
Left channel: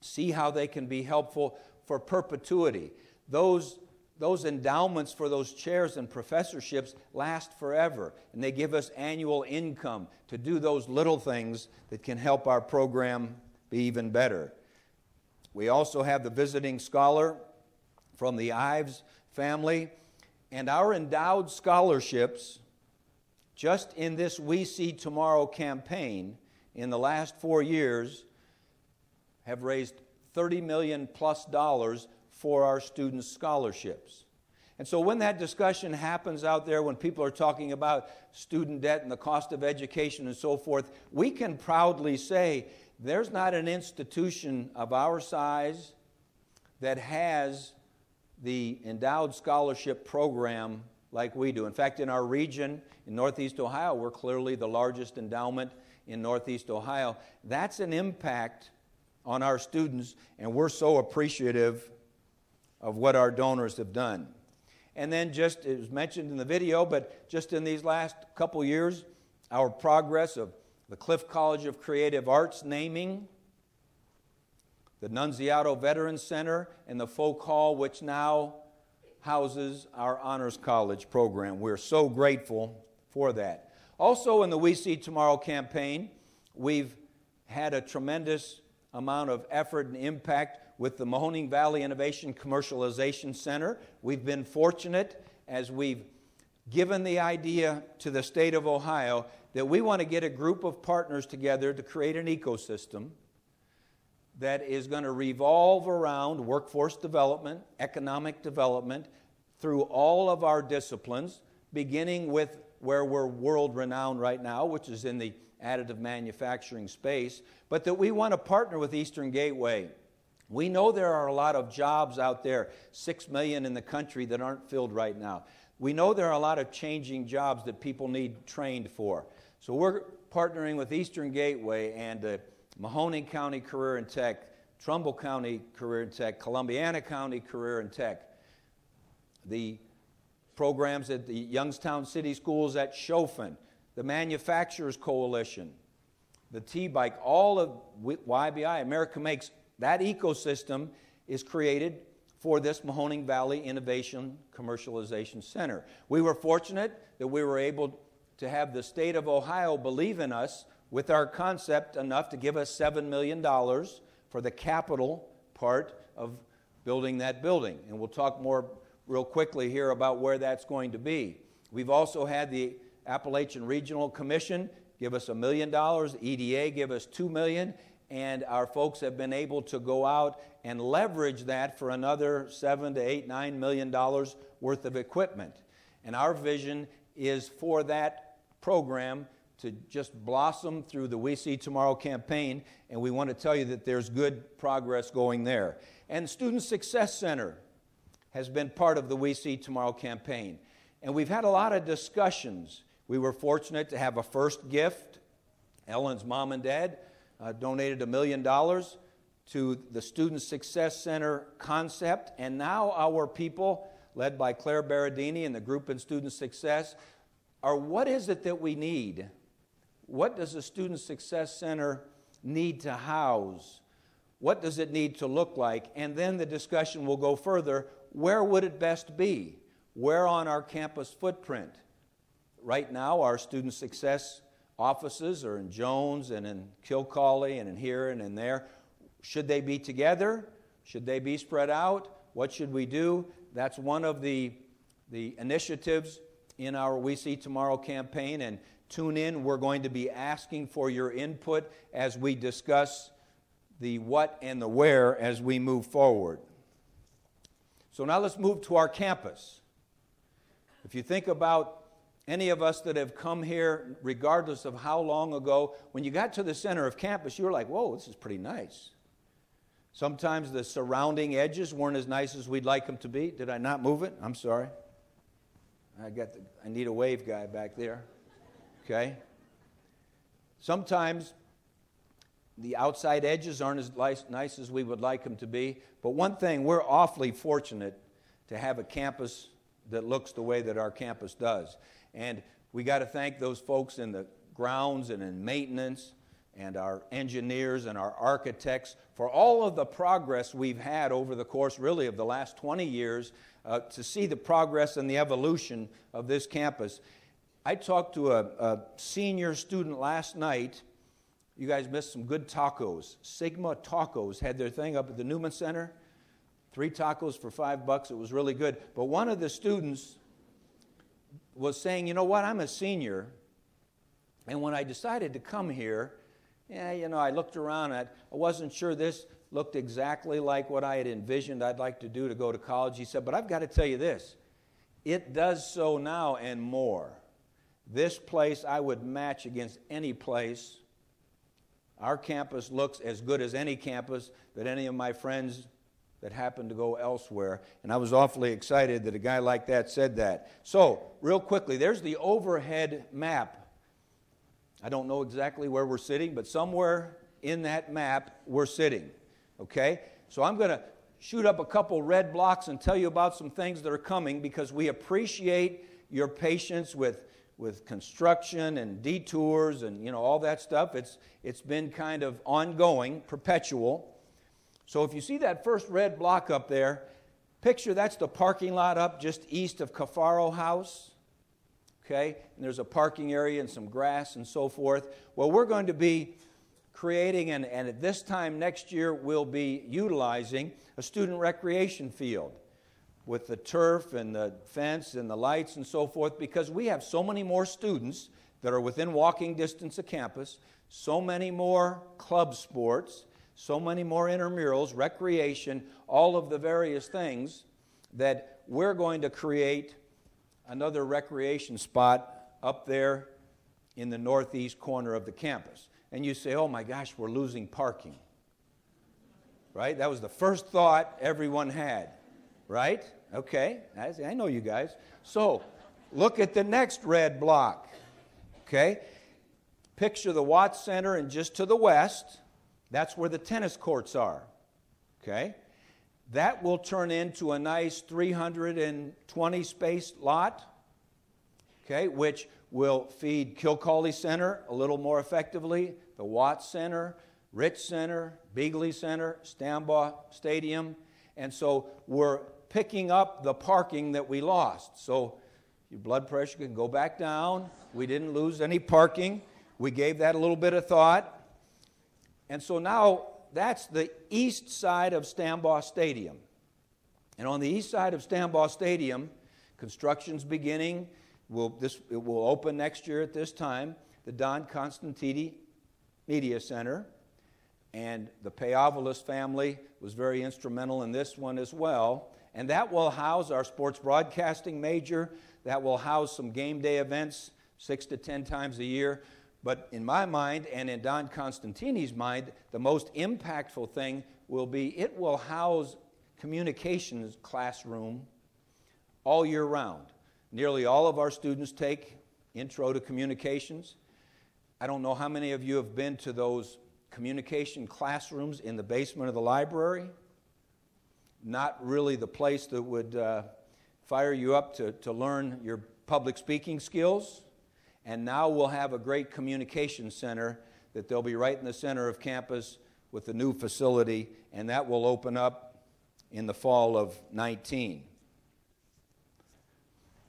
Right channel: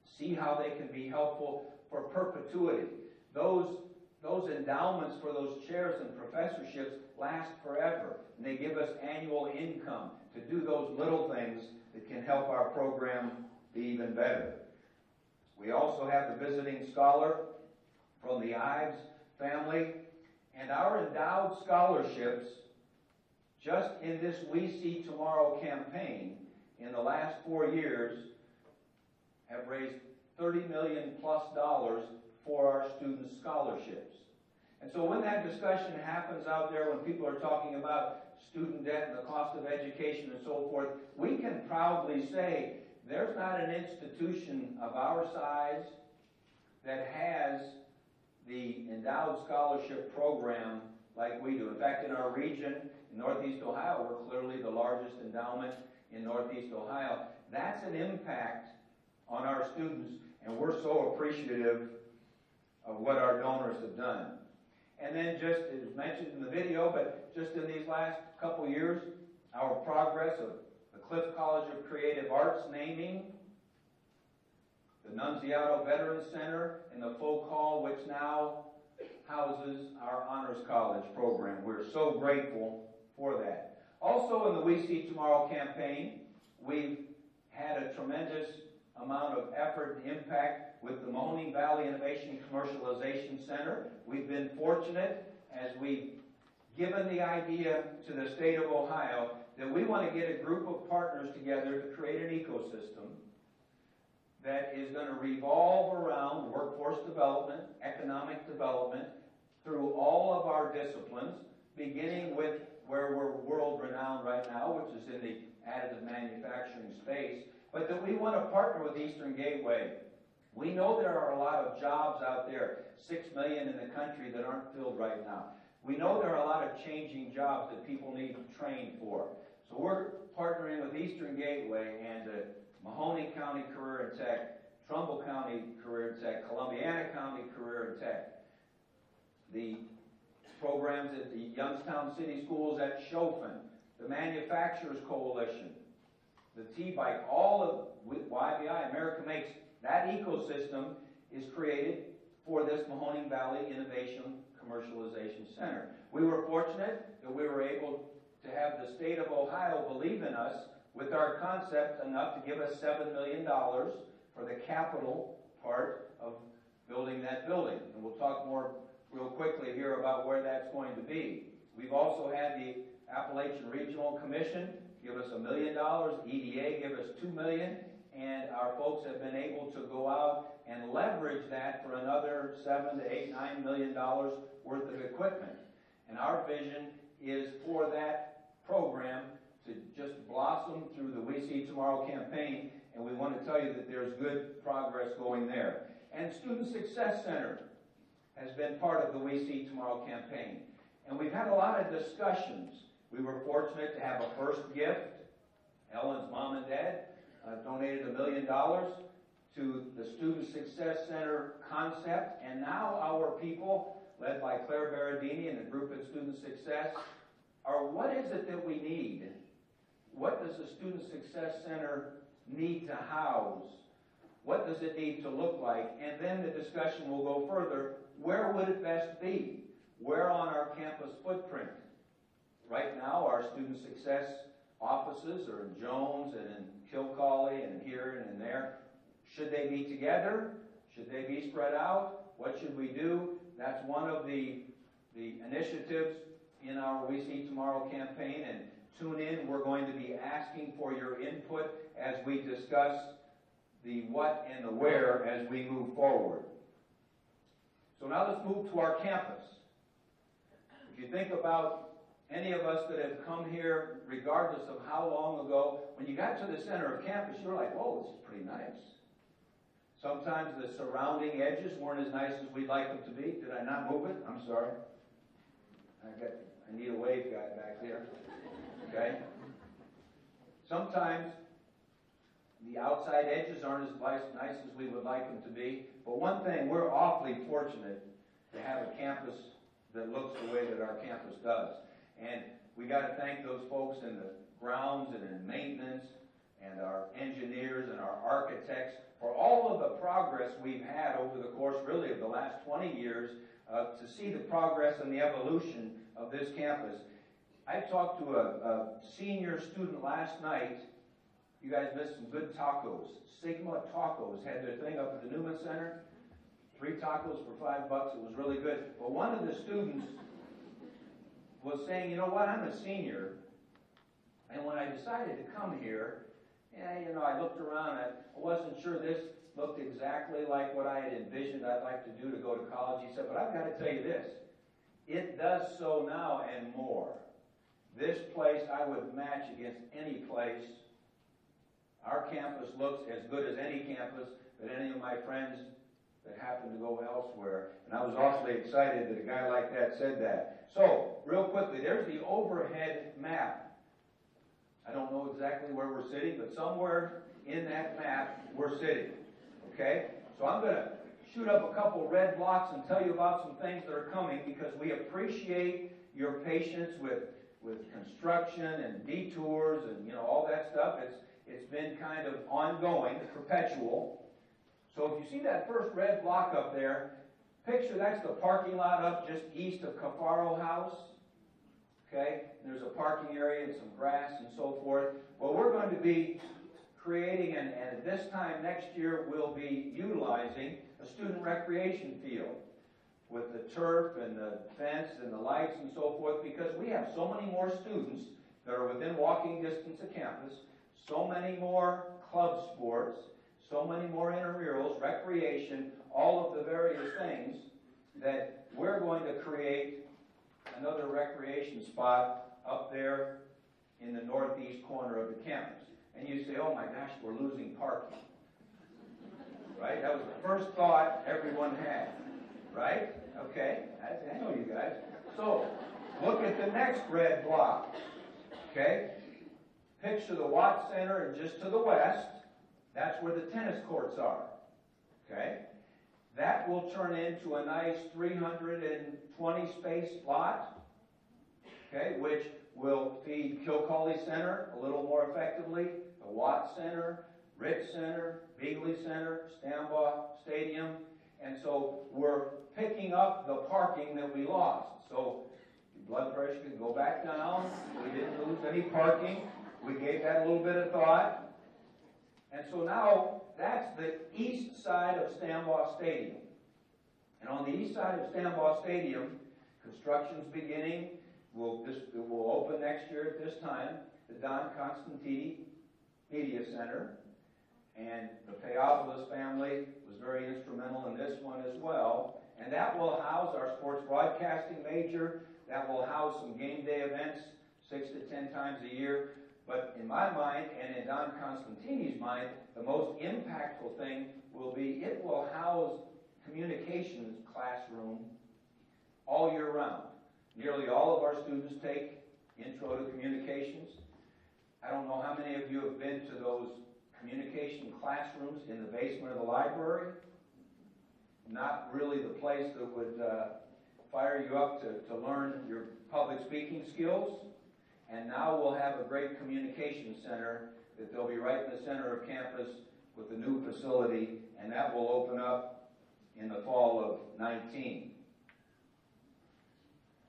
see how they can be helpful for perpetuity. Those endowments for those chairs and professorships last forever, and they give us annual income to do those little things that can help our program be even better. We also have the visiting scholar from the Ives family, and our endowed scholarships, just in this We See Tomorrow campaign, in the last 4 years, have raised $30 million plus for our students' scholarships. And so when that discussion happens out there, when people are talking about student debt and the cost of education and so forth, we can proudly say there's not an institution of our size that has the endowed scholarship program like we do. In fact, in our region, in Northeast Ohio, we're clearly the largest endowment in Northeast Ohio. That's an impact on our students, and we're so appreciative of what our donors have done. And then just, it was mentioned in the video, but just in these last couple years, our progress of the Cliff College of Creative Arts naming, the Nunziato Veterans Center, and the Folk Hall, which now houses our Honors College program. We're so grateful for that. Also in the We See Tomorrow campaign, we've had a tremendous amount of effort and impact with the Mahoning Valley Innovation Commercialization Center. We've been fortunate as we've given the idea to the state of Ohio that we want to get a group of partners together to create an ecosystem that is going to revolve around workforce development, economic development, through all of our disciplines, beginning with where we're world-renowned right now, which is in the additive manufacturing space, but that we want to partner with Eastern Gateway. We know there are a lot of jobs out there, 6 million in the country, that aren't filled right now. We know there are a lot of changing jobs that people need trained for. So we're partnering with Eastern Gateway and Mahoning County Career and Tech, Trumbull County Career and Tech, Columbiana County Career and Tech, the programs at the Youngstown City Schools at Chaufin, the Manufacturers Coalition, the T-Bike, all of YBI, America Makes. That ecosystem is created for this Mahoning Valley Innovation Commercialization Center. We were fortunate that we were able to have the state of Ohio believe in us with our concept enough to give us $7 million for the capital part of building that building. And we'll talk more real quickly here about where that's going to be. We've also had the Appalachian Regional Commission give us $1 million, EDA give us $2 million, and our folks have been able to go out and leverage that for another $7 to $8, $9 million worth of equipment. And our vision is for that program to just blossom through the We See Tomorrow campaign, and we want to tell you that there's good progress going there. And Student Success Center has been part of the We See Tomorrow campaign. And we've had a lot of discussions. We were fortunate to have a first gift. Ellen's mom and dad donated $1 million to the Student Success Center concept, and now our people, led by Claire Berardini and the group in Student Success, are what is it that we need? What does a Student Success Center need to house? What does it need to look like? And then the discussion will go further. Where would it best be? Where on our campus footprint? Right now, our Student Success offices are in Jones and in Kilcawley and in here and in there. Should they be together? Should they be spread out? What should we do? That's one of the initiatives in our We See Tomorrow campaign. And tune in. We're going to be asking for your input as we discuss the what and the where as we move forward. So now let's move to our campus. If you think about any of us that have come here, regardless of how long ago, when you got to the center of campus, you were like, whoa, this is pretty nice. Sometimes the surrounding edges weren't as nice as we'd like them to be. Did I not move it? I'm sorry. I need a wave guy back there. Okay? Sometimes the outside edges aren't as nice as we would like them to be. But one thing, we're awfully fortunate to have a campus that looks the way that our campus does. And we got to thank those folks in the grounds and in maintenance and our engineers and our architects for all of the progress we've had over the course really of the last 20 years to see the progress and the evolution of this campus. I talked to a senior student last night. You guys missed some good tacos. Sigma Tacos had their thing up at the Newman Center. 3 tacos for $5. It was really good. But one of the students was saying, you know what, I'm a senior, and when I decided to come here, I looked around, I wasn't sure this looked exactly like what I had envisioned I'd like to do to go to college. He said, but I've got to tell you this, it does so now and more. This place I would match against any place. Our campus looks as good as any campus that any of my friends that happened to go elsewhere. And I was awfully excited that a guy like that said that. So, real quickly, there's the overhead map. I don't know exactly where we're sitting, but somewhere in that map we're sitting. Okay? So I'm going to shoot up a couple red blocks and tell you about some things that are coming because we appreciate your patience with with construction and detours and all that stuff. It's been kind of ongoing, perpetual. So if you see that first red block up there, picture that's the parking lot up just east of Cafaro House. Okay, and there's a parking area and some grass and so forth. Well, we're going to be creating, and at this time next year, we'll be utilizing a student recreation field with the turf and the fence and the lights and so forth, because we have so many more students that are within walking distance of campus, so many more club sports, so many more intramurals, recreation, all of the various things, that we're going to create another recreation spot up there in the northeast corner of the campus. And you say, oh my gosh, we're losing parking. Right? That was the first thought everyone had. Right? Okay, I know you guys. So, look at the next red block. Okay? Picture the Watts Center, and just to the west, that's where the tennis courts are. Okay? That will turn into a nice 320 space lot, okay, which will feed Kilcawley Center a little more effectively, the Watts Center, Rich Center, Beagley Center, Stambaugh Stadium. And so we're picking up the parking that we lost. So your blood pressure can go back down. We didn't lose any parking. We gave that a little bit of thought. And so now that's the east side of Stambaugh Stadium. And on the east side of Stambaugh Stadium, construction's beginning. It will open next year at this time, the Don Constantini Media Center. And the Payavolis family was very instrumental in this one as well. And that will house our sports broadcasting major. That will house some game day events 6 to 10 times a year. But in my mind, and in Don Constantini's mind, the most impactful thing will be it will house communications classroom all year round. Nearly all of our students take Intro to Communications. I don't know how many of you have been to those communication classrooms in the basement of the library. Not really the place that would fire you up to learn your public speaking skills. And now we'll have a great communication center that they'll be right in the center of campus with the new facility, and that will open up in the fall of 19.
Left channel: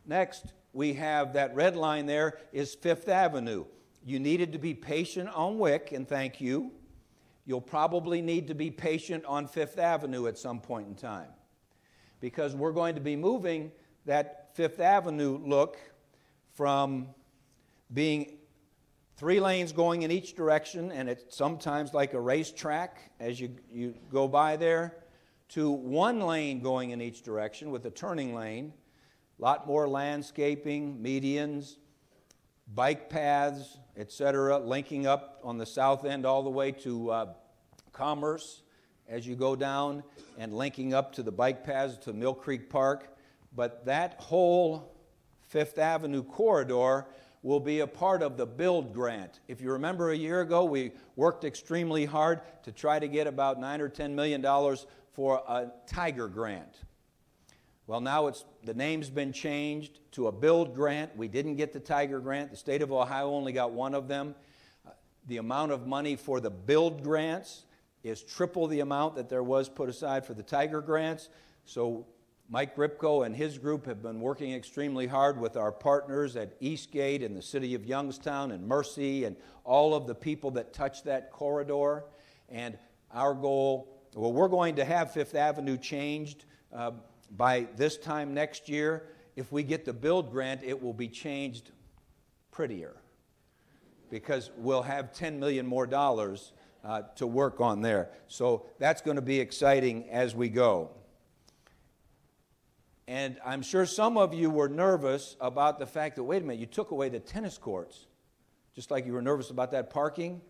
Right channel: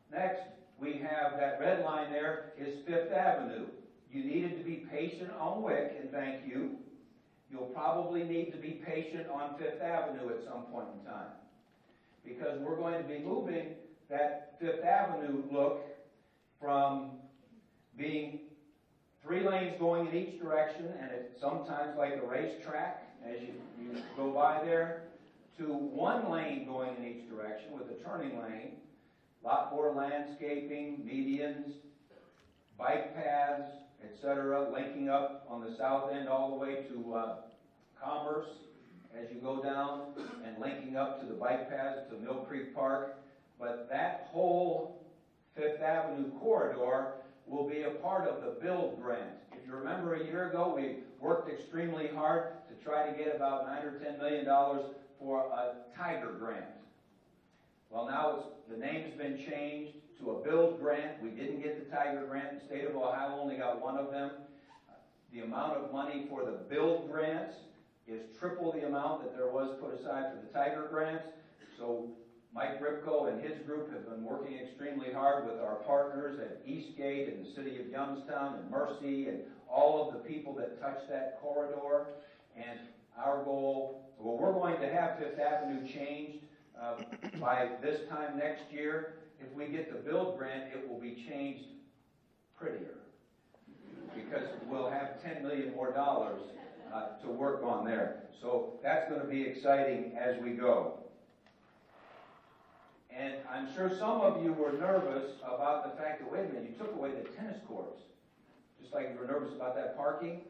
Next, we have that red line there is Fifth Avenue. You needed to be patient on Wick, and thank you. You'll probably need to be patient on Fifth Avenue at some point in time, because we're going to be moving that Fifth Avenue look from being 3 lanes going in each direction, and it's sometimes like a racetrack as you go by there, to 1 lane going in each direction with a turning lane. A lot more landscaping, medians, bike paths, etc., linking up on the south end all the way to Commerce as you go down, and linking up to the bike paths to Mill Creek Park. But that whole Fifth Avenue corridor will be a part of the BUILD grant. If you remember a year ago, we worked extremely hard to try to get about $9 or $10 million for a Tiger grant. Well, now the name's been changed to a BUILD grant. We didn't get the Tiger grant. The state of Ohio only got one of them. The amount of money for the BUILD grants is triple the amount that there was put aside for the Tiger grants. So Mike Ripko and his group have been working extremely hard with our partners at Eastgate and the city of Youngstown and Mercy and all of the people that touch that corridor. And our goal, well, we're going to have Fifth Avenue changed by this time next year. If we get the BUILD grant, it will be changed prettier, because we'll have $10 million more to work on there. So that's going to be exciting as we go. And I'm sure some of you were nervous about the fact that, wait a minute, you took away the tennis courts, just like you were nervous about that parking.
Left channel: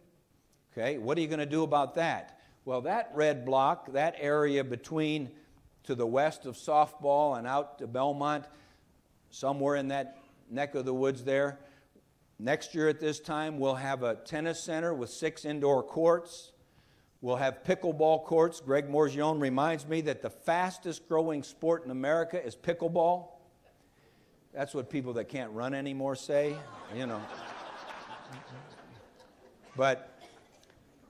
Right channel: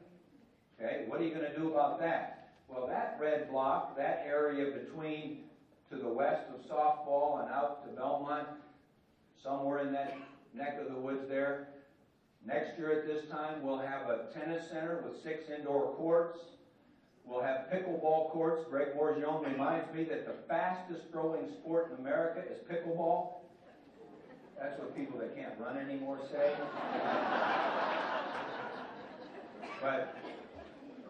Okay, what are you going to do about that? Well, that red block, that area between to the west of softball and out to Belmont, somewhere in that neck of the woods there, next year at this time we'll have a tennis center with 6 indoor courts. We'll have pickleball courts. Greg Morgione reminds me that the fastest growing sport in America is pickleball. That's what people that can't run anymore say, you know. But,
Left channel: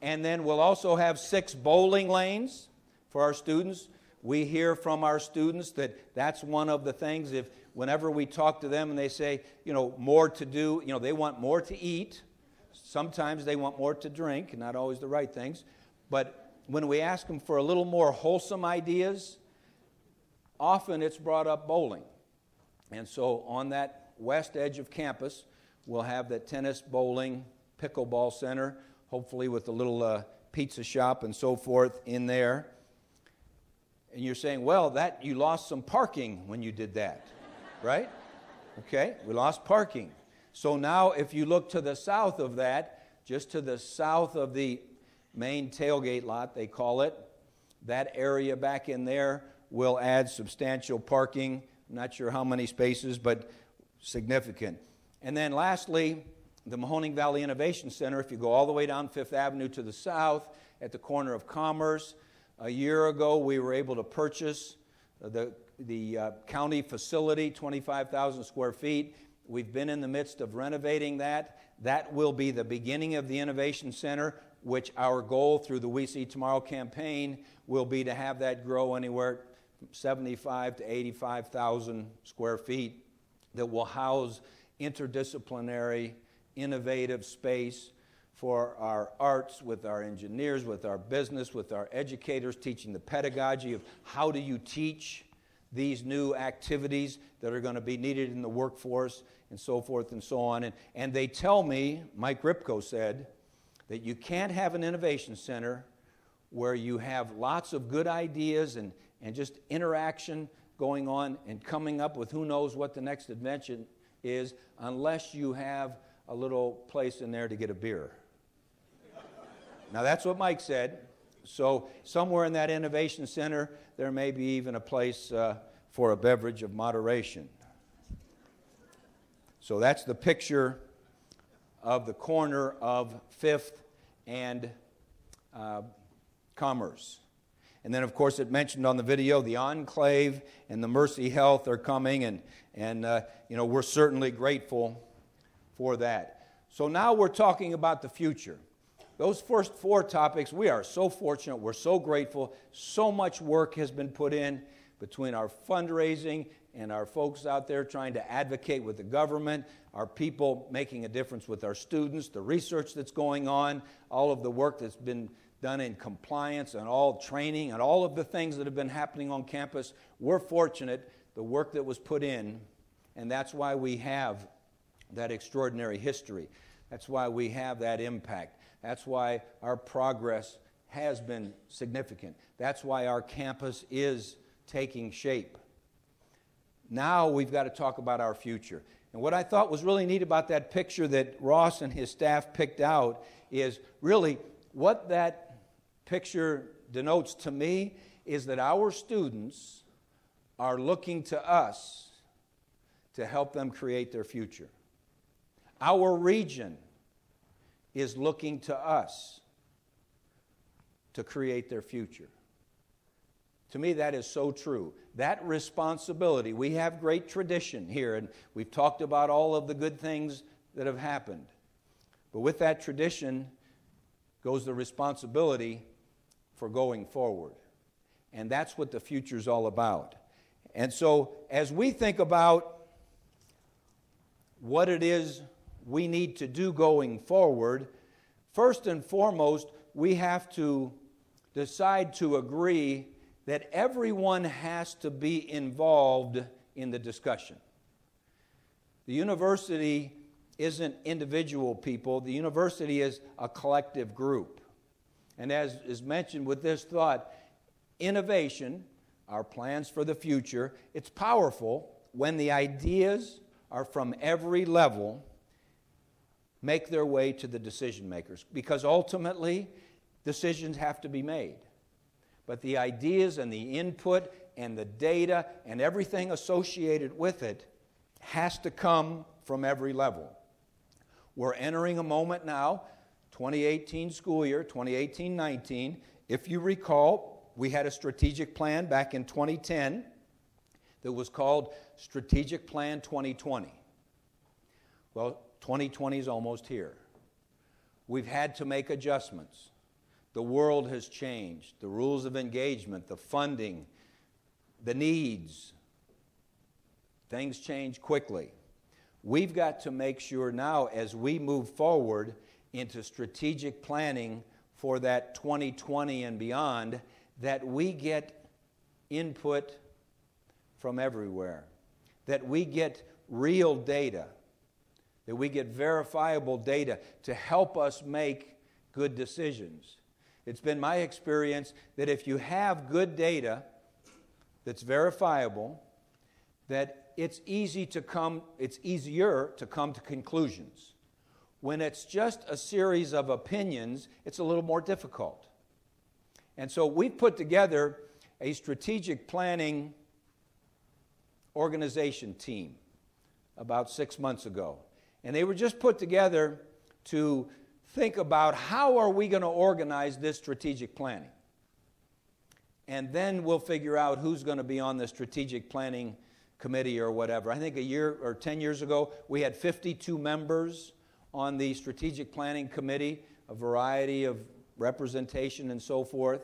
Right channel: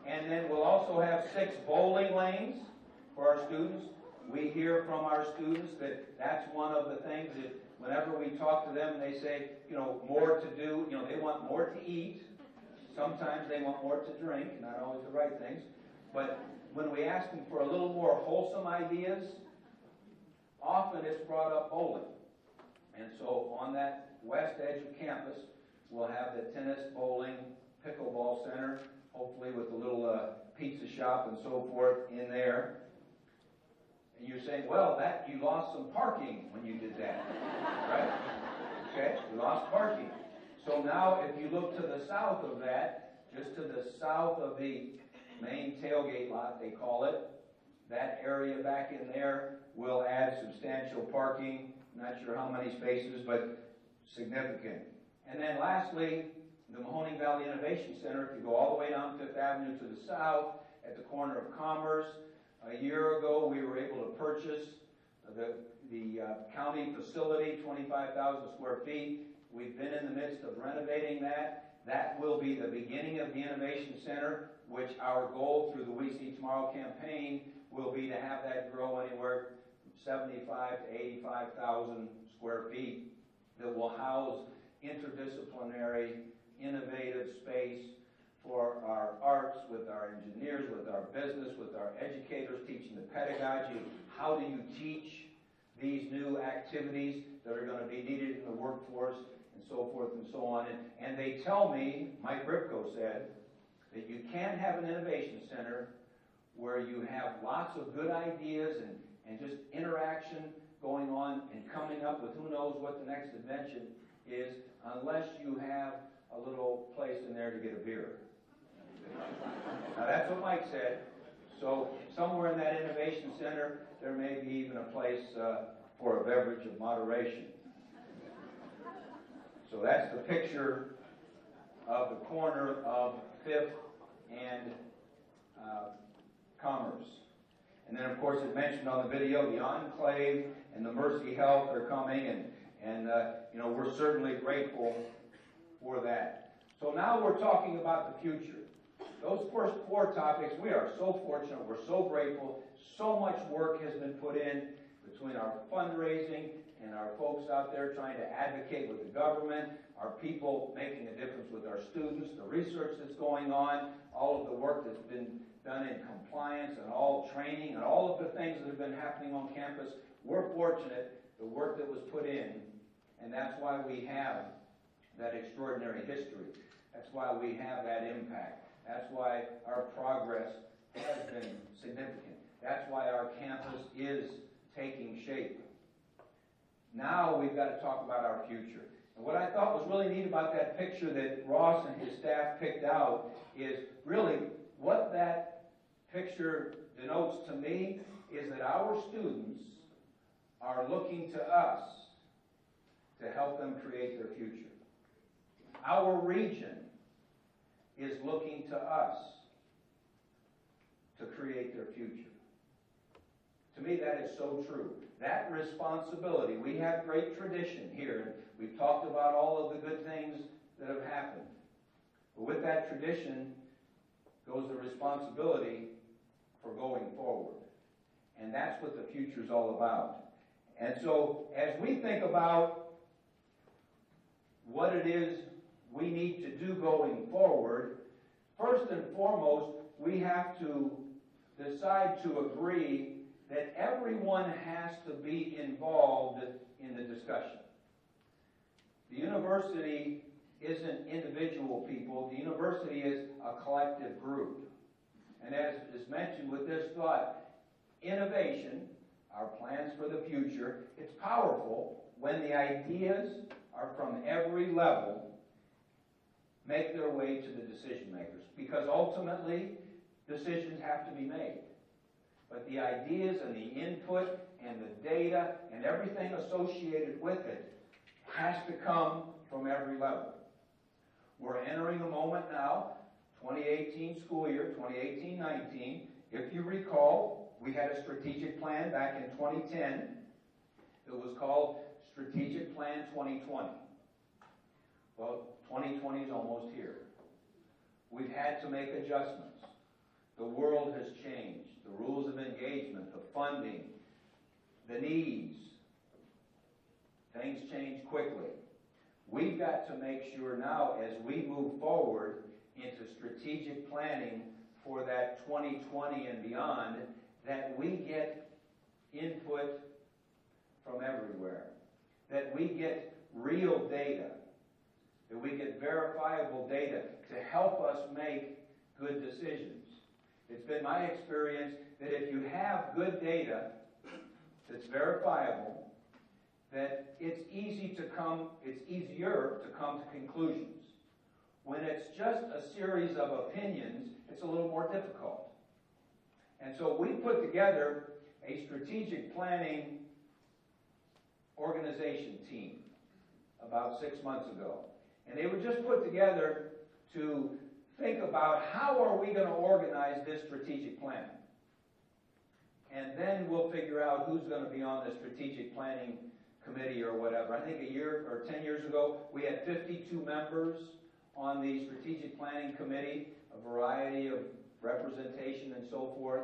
and then we'll also have 6 bowling lanes for our students. We hear from our students that that's one of the things, if whenever we talk to them and they say, you know, more to do, you know, they want more to eat. Sometimes they want more to drink, not always the right things. But when we ask them for a little more wholesome ideas, often it's brought up bowling. And so on that west edge of campus, we'll have the tennis, bowling, pickleball center, hopefully with a little pizza shop and so forth in there. And you're saying, well, that you lost some parking when you did that, right? Okay, we lost parking. So now if you look to the south of that, just to the south of the main tailgate lot, they call it, that area back in there will add substantial parking. I'm not sure how many spaces, but significant. And then lastly, the Mahoning Valley Innovation Center, if you go all the way down Fifth Avenue to the south at the corner of Commerce, a year ago we were able to purchase the county facility, 25,000 square feet. We've been in the midst of renovating that. That will be the beginning of the Innovation Center, which our goal through the We See Tomorrow campaign will be to have that grow anywhere from 75 to 85,000 square feet that will house interdisciplinary, innovative space for our arts, with our engineers, with our business, with our educators, teaching the pedagogy of how do you teach these new activities that are going to be needed in the workforce and so forth and so on. And they tell me, Mike Ripko said, that you can't have an innovation center where you have lots of good ideas and just interaction going on and coming up with who knows what the next invention is unless you have a little place in there to get a beer. Now that's what Mike said. So somewhere in that innovation center, there may be even a place for a beverage of moderation. So that's the picture of the corner of 5th and Commerce. And then, of course, it mentioned on the video, the Enclave and the Mercy Health are coming, and you know, we're certainly grateful for that. So now we're talking about the future. Those first 4 topics, we are so fortunate, we're so grateful. So much work has been put in between our fundraising and our folks out there trying to advocate with the government, our people making a difference with our students, the research that's going on, all of the work that's been done in compliance and all training and all of the things that have been happening on campus. We're fortunate, the work that was put in, and that's why we have that extraordinary history. That's why we have that impact. That's why our progress has been significant. That's why our campus is taking shape. Now we've got to talk about our future. And what I thought was really neat about that picture that Ross and his staff picked out is really what that picture denotes to me is that our students are looking to us to help them create their future. Our region is looking to us to create their future. To me, that is so true. That responsibility, we have great tradition here, and we've talked about all of the good things that have happened. But with that tradition goes the responsibility for going forward. And that's what the future's all about. And so as we think about what it is we need to do going forward, first and foremost, we have to decide to agree that everyone has to be involved in the discussion. The university isn't individual people. The university is a collective group. And as is mentioned with this thought, innovation, our plans for the future, it's powerful when the ideas are from every level make their way to the decision makers, because ultimately decisions have to be made. But the ideas and the input and the data and everything associated with it has to come from every level. We're entering a moment now, 2018 school year, 2018-19. If you recall, we had a strategic plan back in 2010 that was called Strategic Plan 2020. Well, 2020 is almost here. We've had to make adjustments. The world has changed. The rules of engagement, the funding, the needs. Things change quickly. We've got to make sure now, as we move forward into strategic planning for that 2020 and beyond, that we get input from everywhere, that we get real data, that we get verifiable data to help us make good decisions. It's been my experience that if you have good data that's verifiable, that it's easier to come to conclusions. When it's just a series of opinions, it's a little more difficult. And so we put together a strategic planning organization team about 6 months ago. And they were just put together to think about how are we going to organize this strategic planning. And then we'll figure out who's going to be on the strategic planning committee or whatever. I think a year or 10 years ago, we had 52 members on the strategic planning committee, a variety of representation and so forth.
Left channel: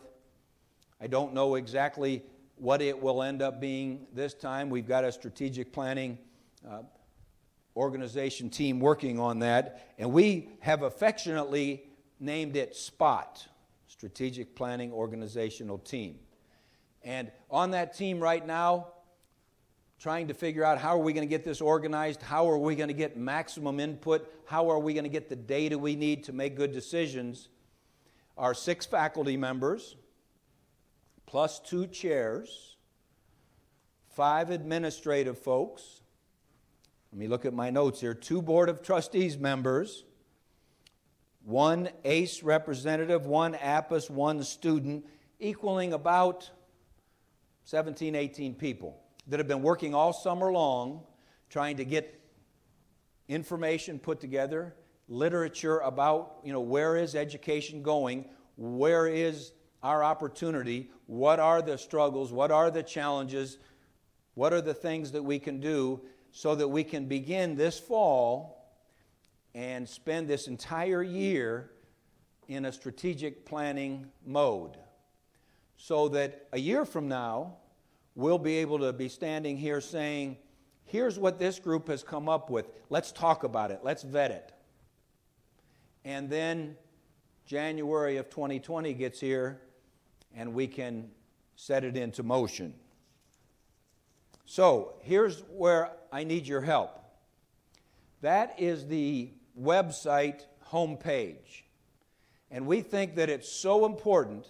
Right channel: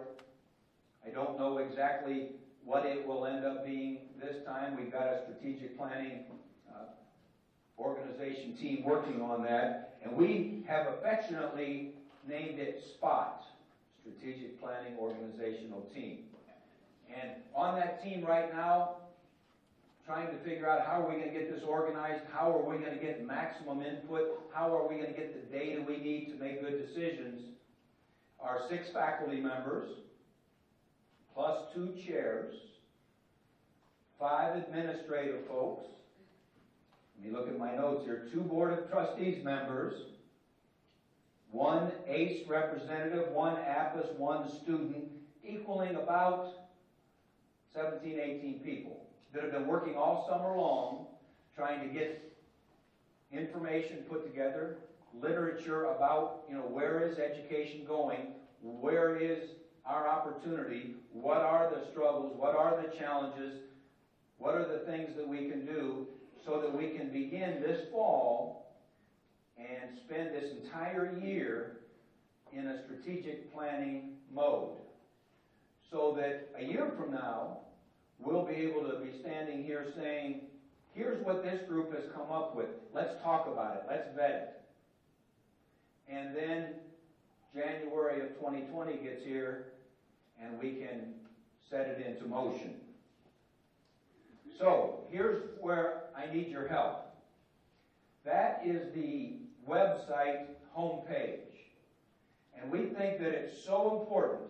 I don't know exactly what it will end up being this time. We've got a strategic planning organization team working on that, and we have affectionately named it SPOT, Strategic Planning Organizational Team. And on that team right now, trying to figure out how are we going to get this organized, how are we going to get maximum input, how are we going to get the data we need to make good decisions, are 6 faculty members, plus 2 chairs, 5 administrative folks. Let me look at my notes here. 2 Board of Trustees members, 1 ACE representative, 1 APAS, 1 student, equaling about 17, 18 people that have been working all summer long trying to get information put together, literature about, where is education going, where is our opportunity, what are the struggles, what are the challenges, what are the things that we can do so that we can begin this fall and spend this entire year in a strategic planning mode. So that a year from now, we'll be able to be standing here saying, here's what this group has come up with. Let's talk about it. Let's vet it. And then January of 2020 gets here and we can set it into motion. So here's where I need your help. That is the website homepage. And we think that it's so important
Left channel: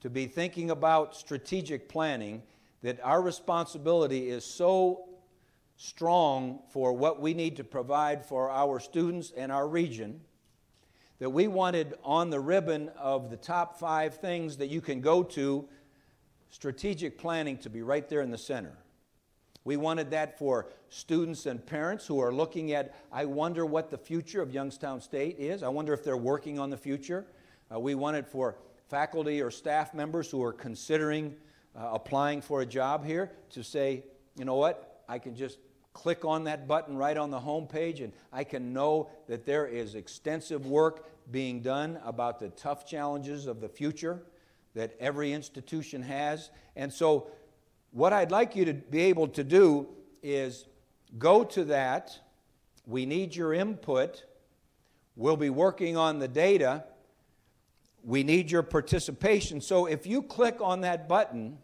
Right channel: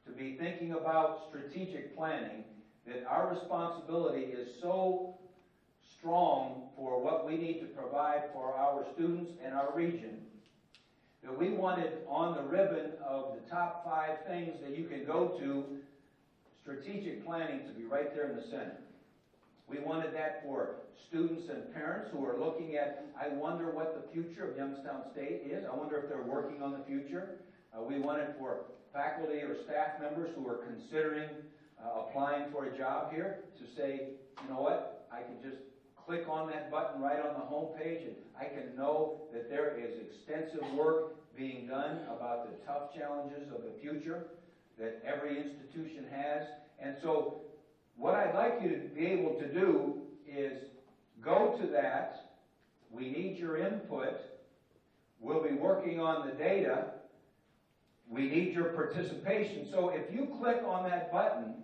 to be thinking about strategic planning that our responsibility is so strong for what we need to provide for our students and our region that we wanted on the ribbon of the top 5 things that you can go to, strategic planning to be right there in the center. We wanted that for students and parents who are looking at, I wonder what the future of Youngstown State is. I wonder if they're working on the future. We want it for faculty or staff members who are considering applying for a job here to say, you know what, I can just click on that button right on the home page and I can know that there is extensive work being done about the tough challenges of the future that every institution has. And so what I'd like you to be able to do is go to that. We need your input. We'll be working on the data. We need your participation. So if you click on that button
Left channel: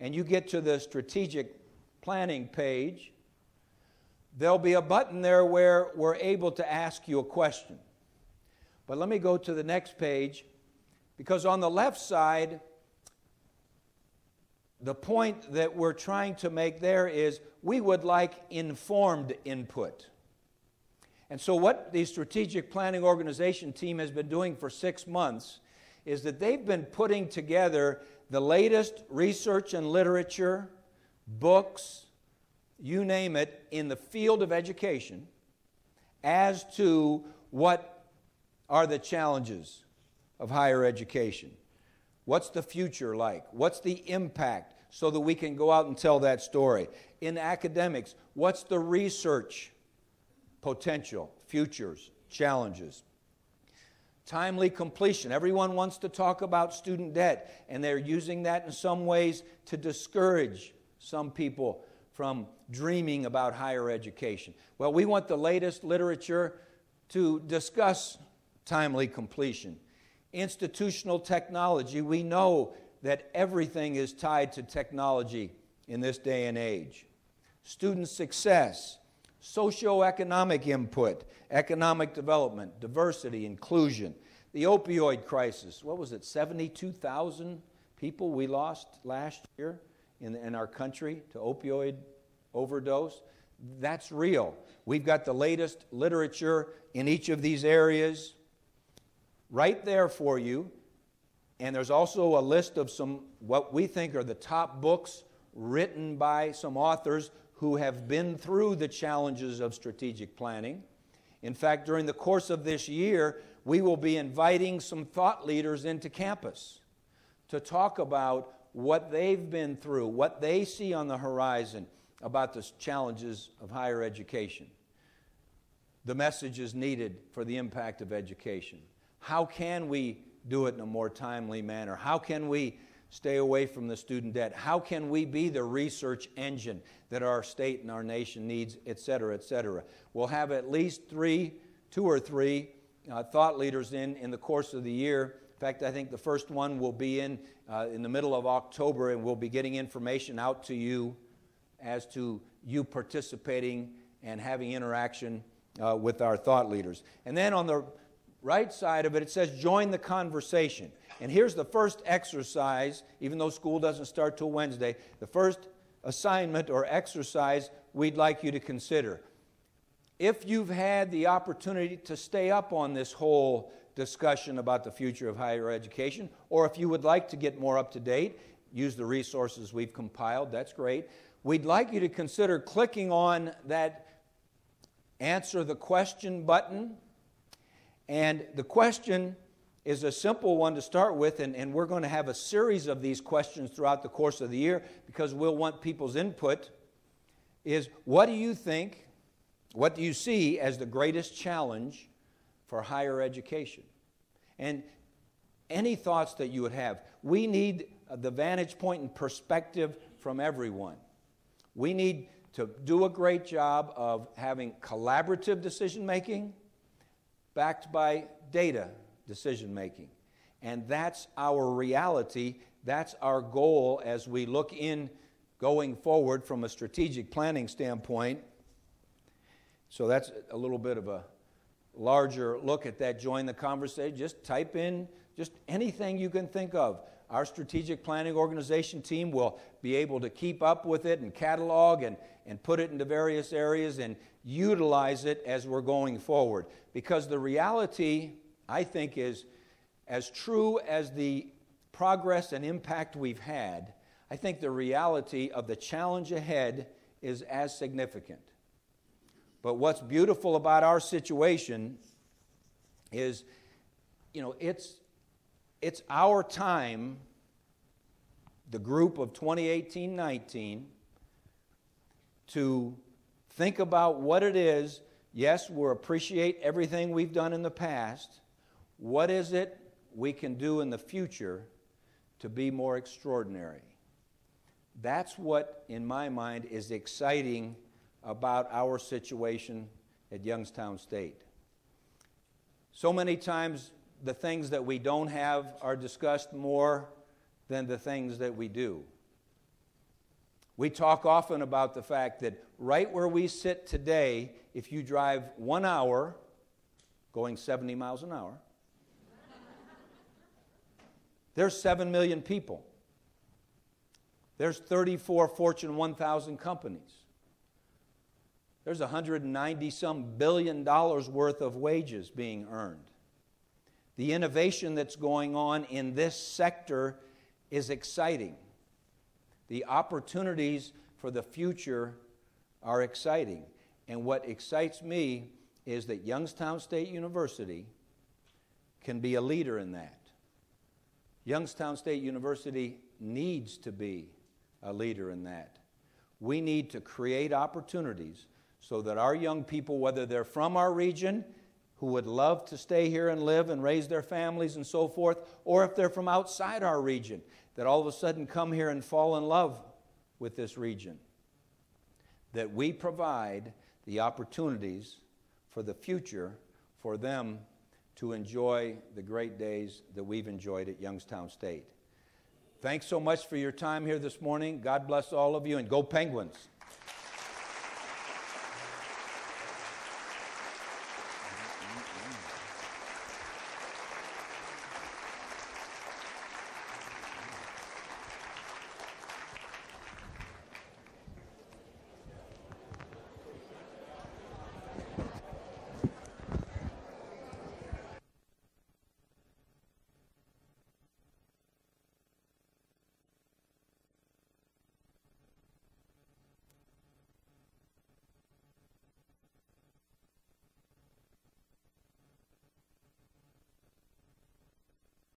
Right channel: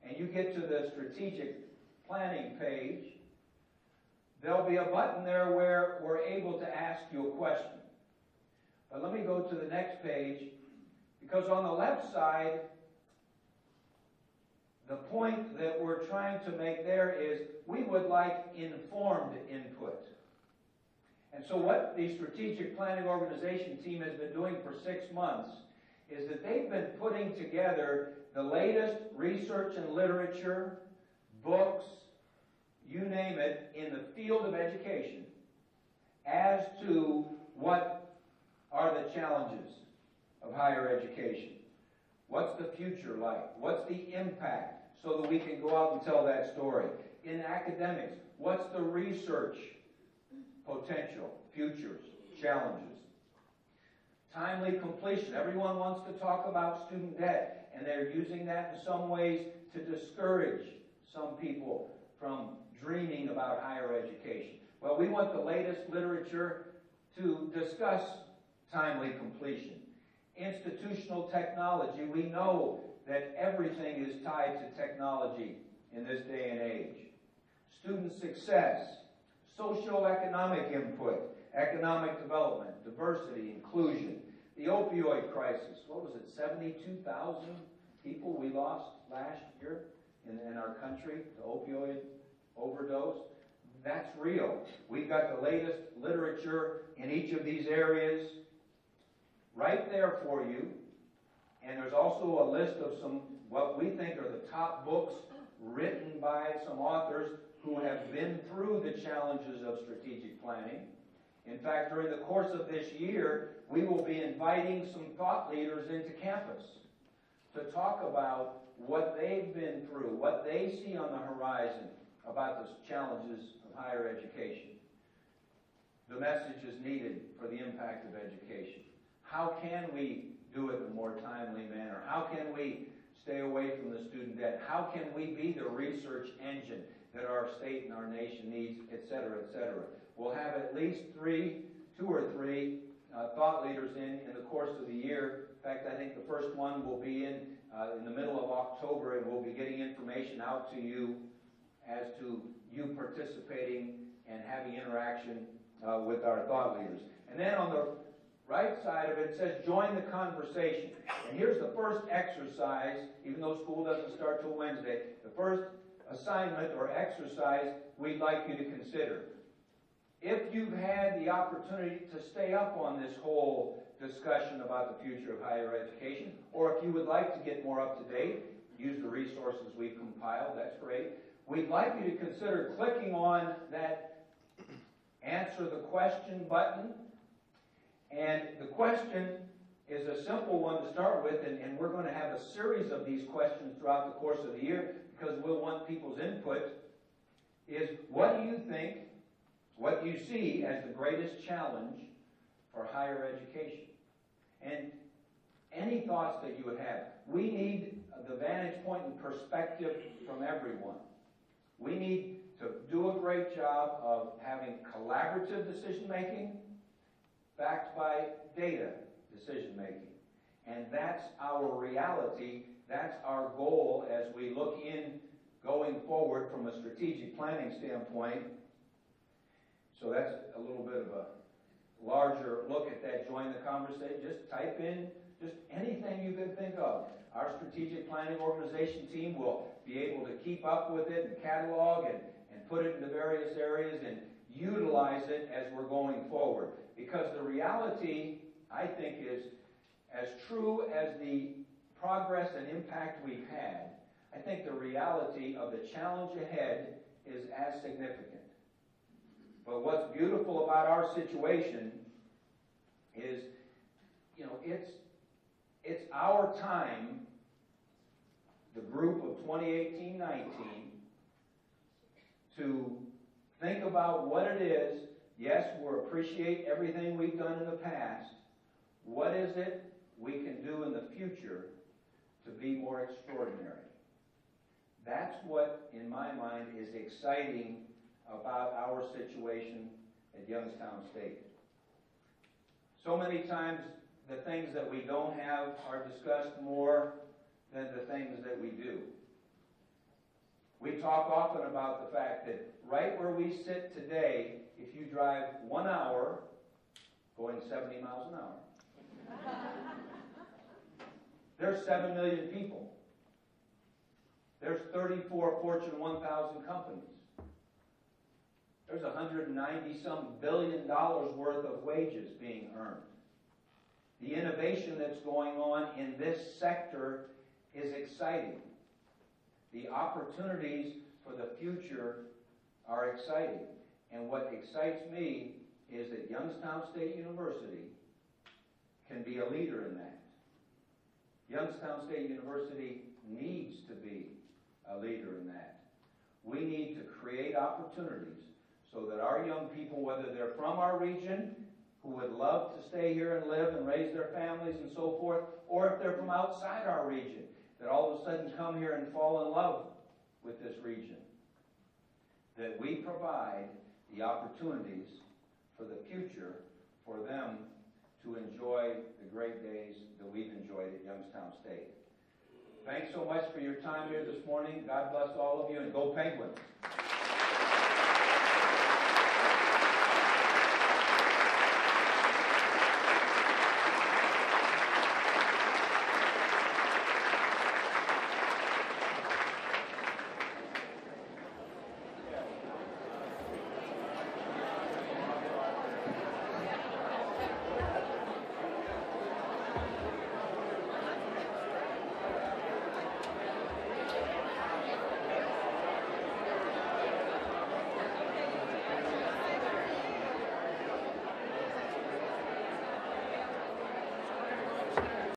and you get to the strategic planning page, there'll be a button there where we're able to ask you a question. But let me go to the next page, because on the left side, the point that we're trying to make there is we would like informed input. And so what the Strategic Planning Organization team has been doing for 6 months is that they've been putting together the latest research and literature, books, you name it, in the field of education as to what are the challenges of higher education. What's the future like? What's the impact? so that we can go out and tell that story. In academics, what's the research potential, futures, challenges? Timely completion. Everyone wants to talk about student debt, and they're using that in some ways to discourage some people from dreaming about higher education. Well, we want the latest literature to discuss timely completion. Institutional technology. We know that everything is tied to technology in this day and age. Student success, socioeconomic input, economic development, diversity, inclusion, the opioid crisis. What was it, 72,000 people we lost last year in our country to opioid overdose? That's real. We've got the latest literature in each of these areas right there for you. And there's also a list of some what we think are the top books written by some authors who have been through the challenges of strategic planning. In fact, during the course of this year, we will be inviting some thought leaders into campus to talk about what they've been through, what they see on the horizon about the challenges of higher education. The message is needed for the impact of education. How can we do it in a more timely manner? How can we stay away from the student debt? How can we be the research engine that our state and our nation needs, et cetera, et cetera? We'll have at least two or three thought leaders in the course of the year. In fact, I think the first one will be in the middle of October, and we'll be getting information out to you as to you participating and having interaction with our thought leaders. And then on the right side of it, it says join the conversation. And here's the first exercise, even though school doesn't start till Wednesday, the first assignment or exercise we'd like you to consider. If you've had the opportunity to stay up on this whole discussion about the future of higher education, or if you would like to get more up to date, use the resources we've compiled, that's great. We'd like you to consider clicking on that answer the question button. And the question is a simple one to start with, and we're going to have a series of these questions throughout the course of the year because we'll want people's input, is what do you think, what do you see as the greatest challenge for higher education? And any thoughts that you would have. We need the vantage point and perspective from everyone. We need to do a great job of having collaborative decision making backed by data decision making. And that's our reality. That's our goal as we look in going forward from a strategic planning standpoint. So that's a little bit of a larger look at that. Join the conversation. Just type in just anything you can think of. Our strategic planning organization team will be able to keep up with it and catalog and put it into various areas and utilize it as we're going forward. Because the reality, I think, is as true as the progress and impact we've had, I think the reality of the challenge ahead is as significant. But what's beautiful about our situation is, it's our time, the group of 2018-19, to think about what it is. Yes, we'll appreciate everything we've done in the past. What is it we can do in the future to be more extraordinary? That's what, in my mind, is exciting about our situation at Youngstown State. So many times the things that we don't have are discussed more than the things that we do. We talk often about the fact that right where we sit today, if you drive 1 hour, going 70 miles an hour, there's 7 million people. There's 34 Fortune 1000 companies. There's $190-some billion worth of wages being earned. The innovation that's going on in this sector is exciting. The opportunities for the future are exciting. And what excites me is that Youngstown State University can be a leader in that. Youngstown State University needs to be a leader in that. We need to create opportunities so that our young people, whether they're from our region, who would love to stay here and live and raise their families and so forth, or if they're from outside our region, that all of a sudden come here and fall in love with this region. That we provide the opportunities for the future for them to enjoy the great days that we've enjoyed at Youngstown State. Thanks so much for your time here this morning. God bless all of you, and go Penguins.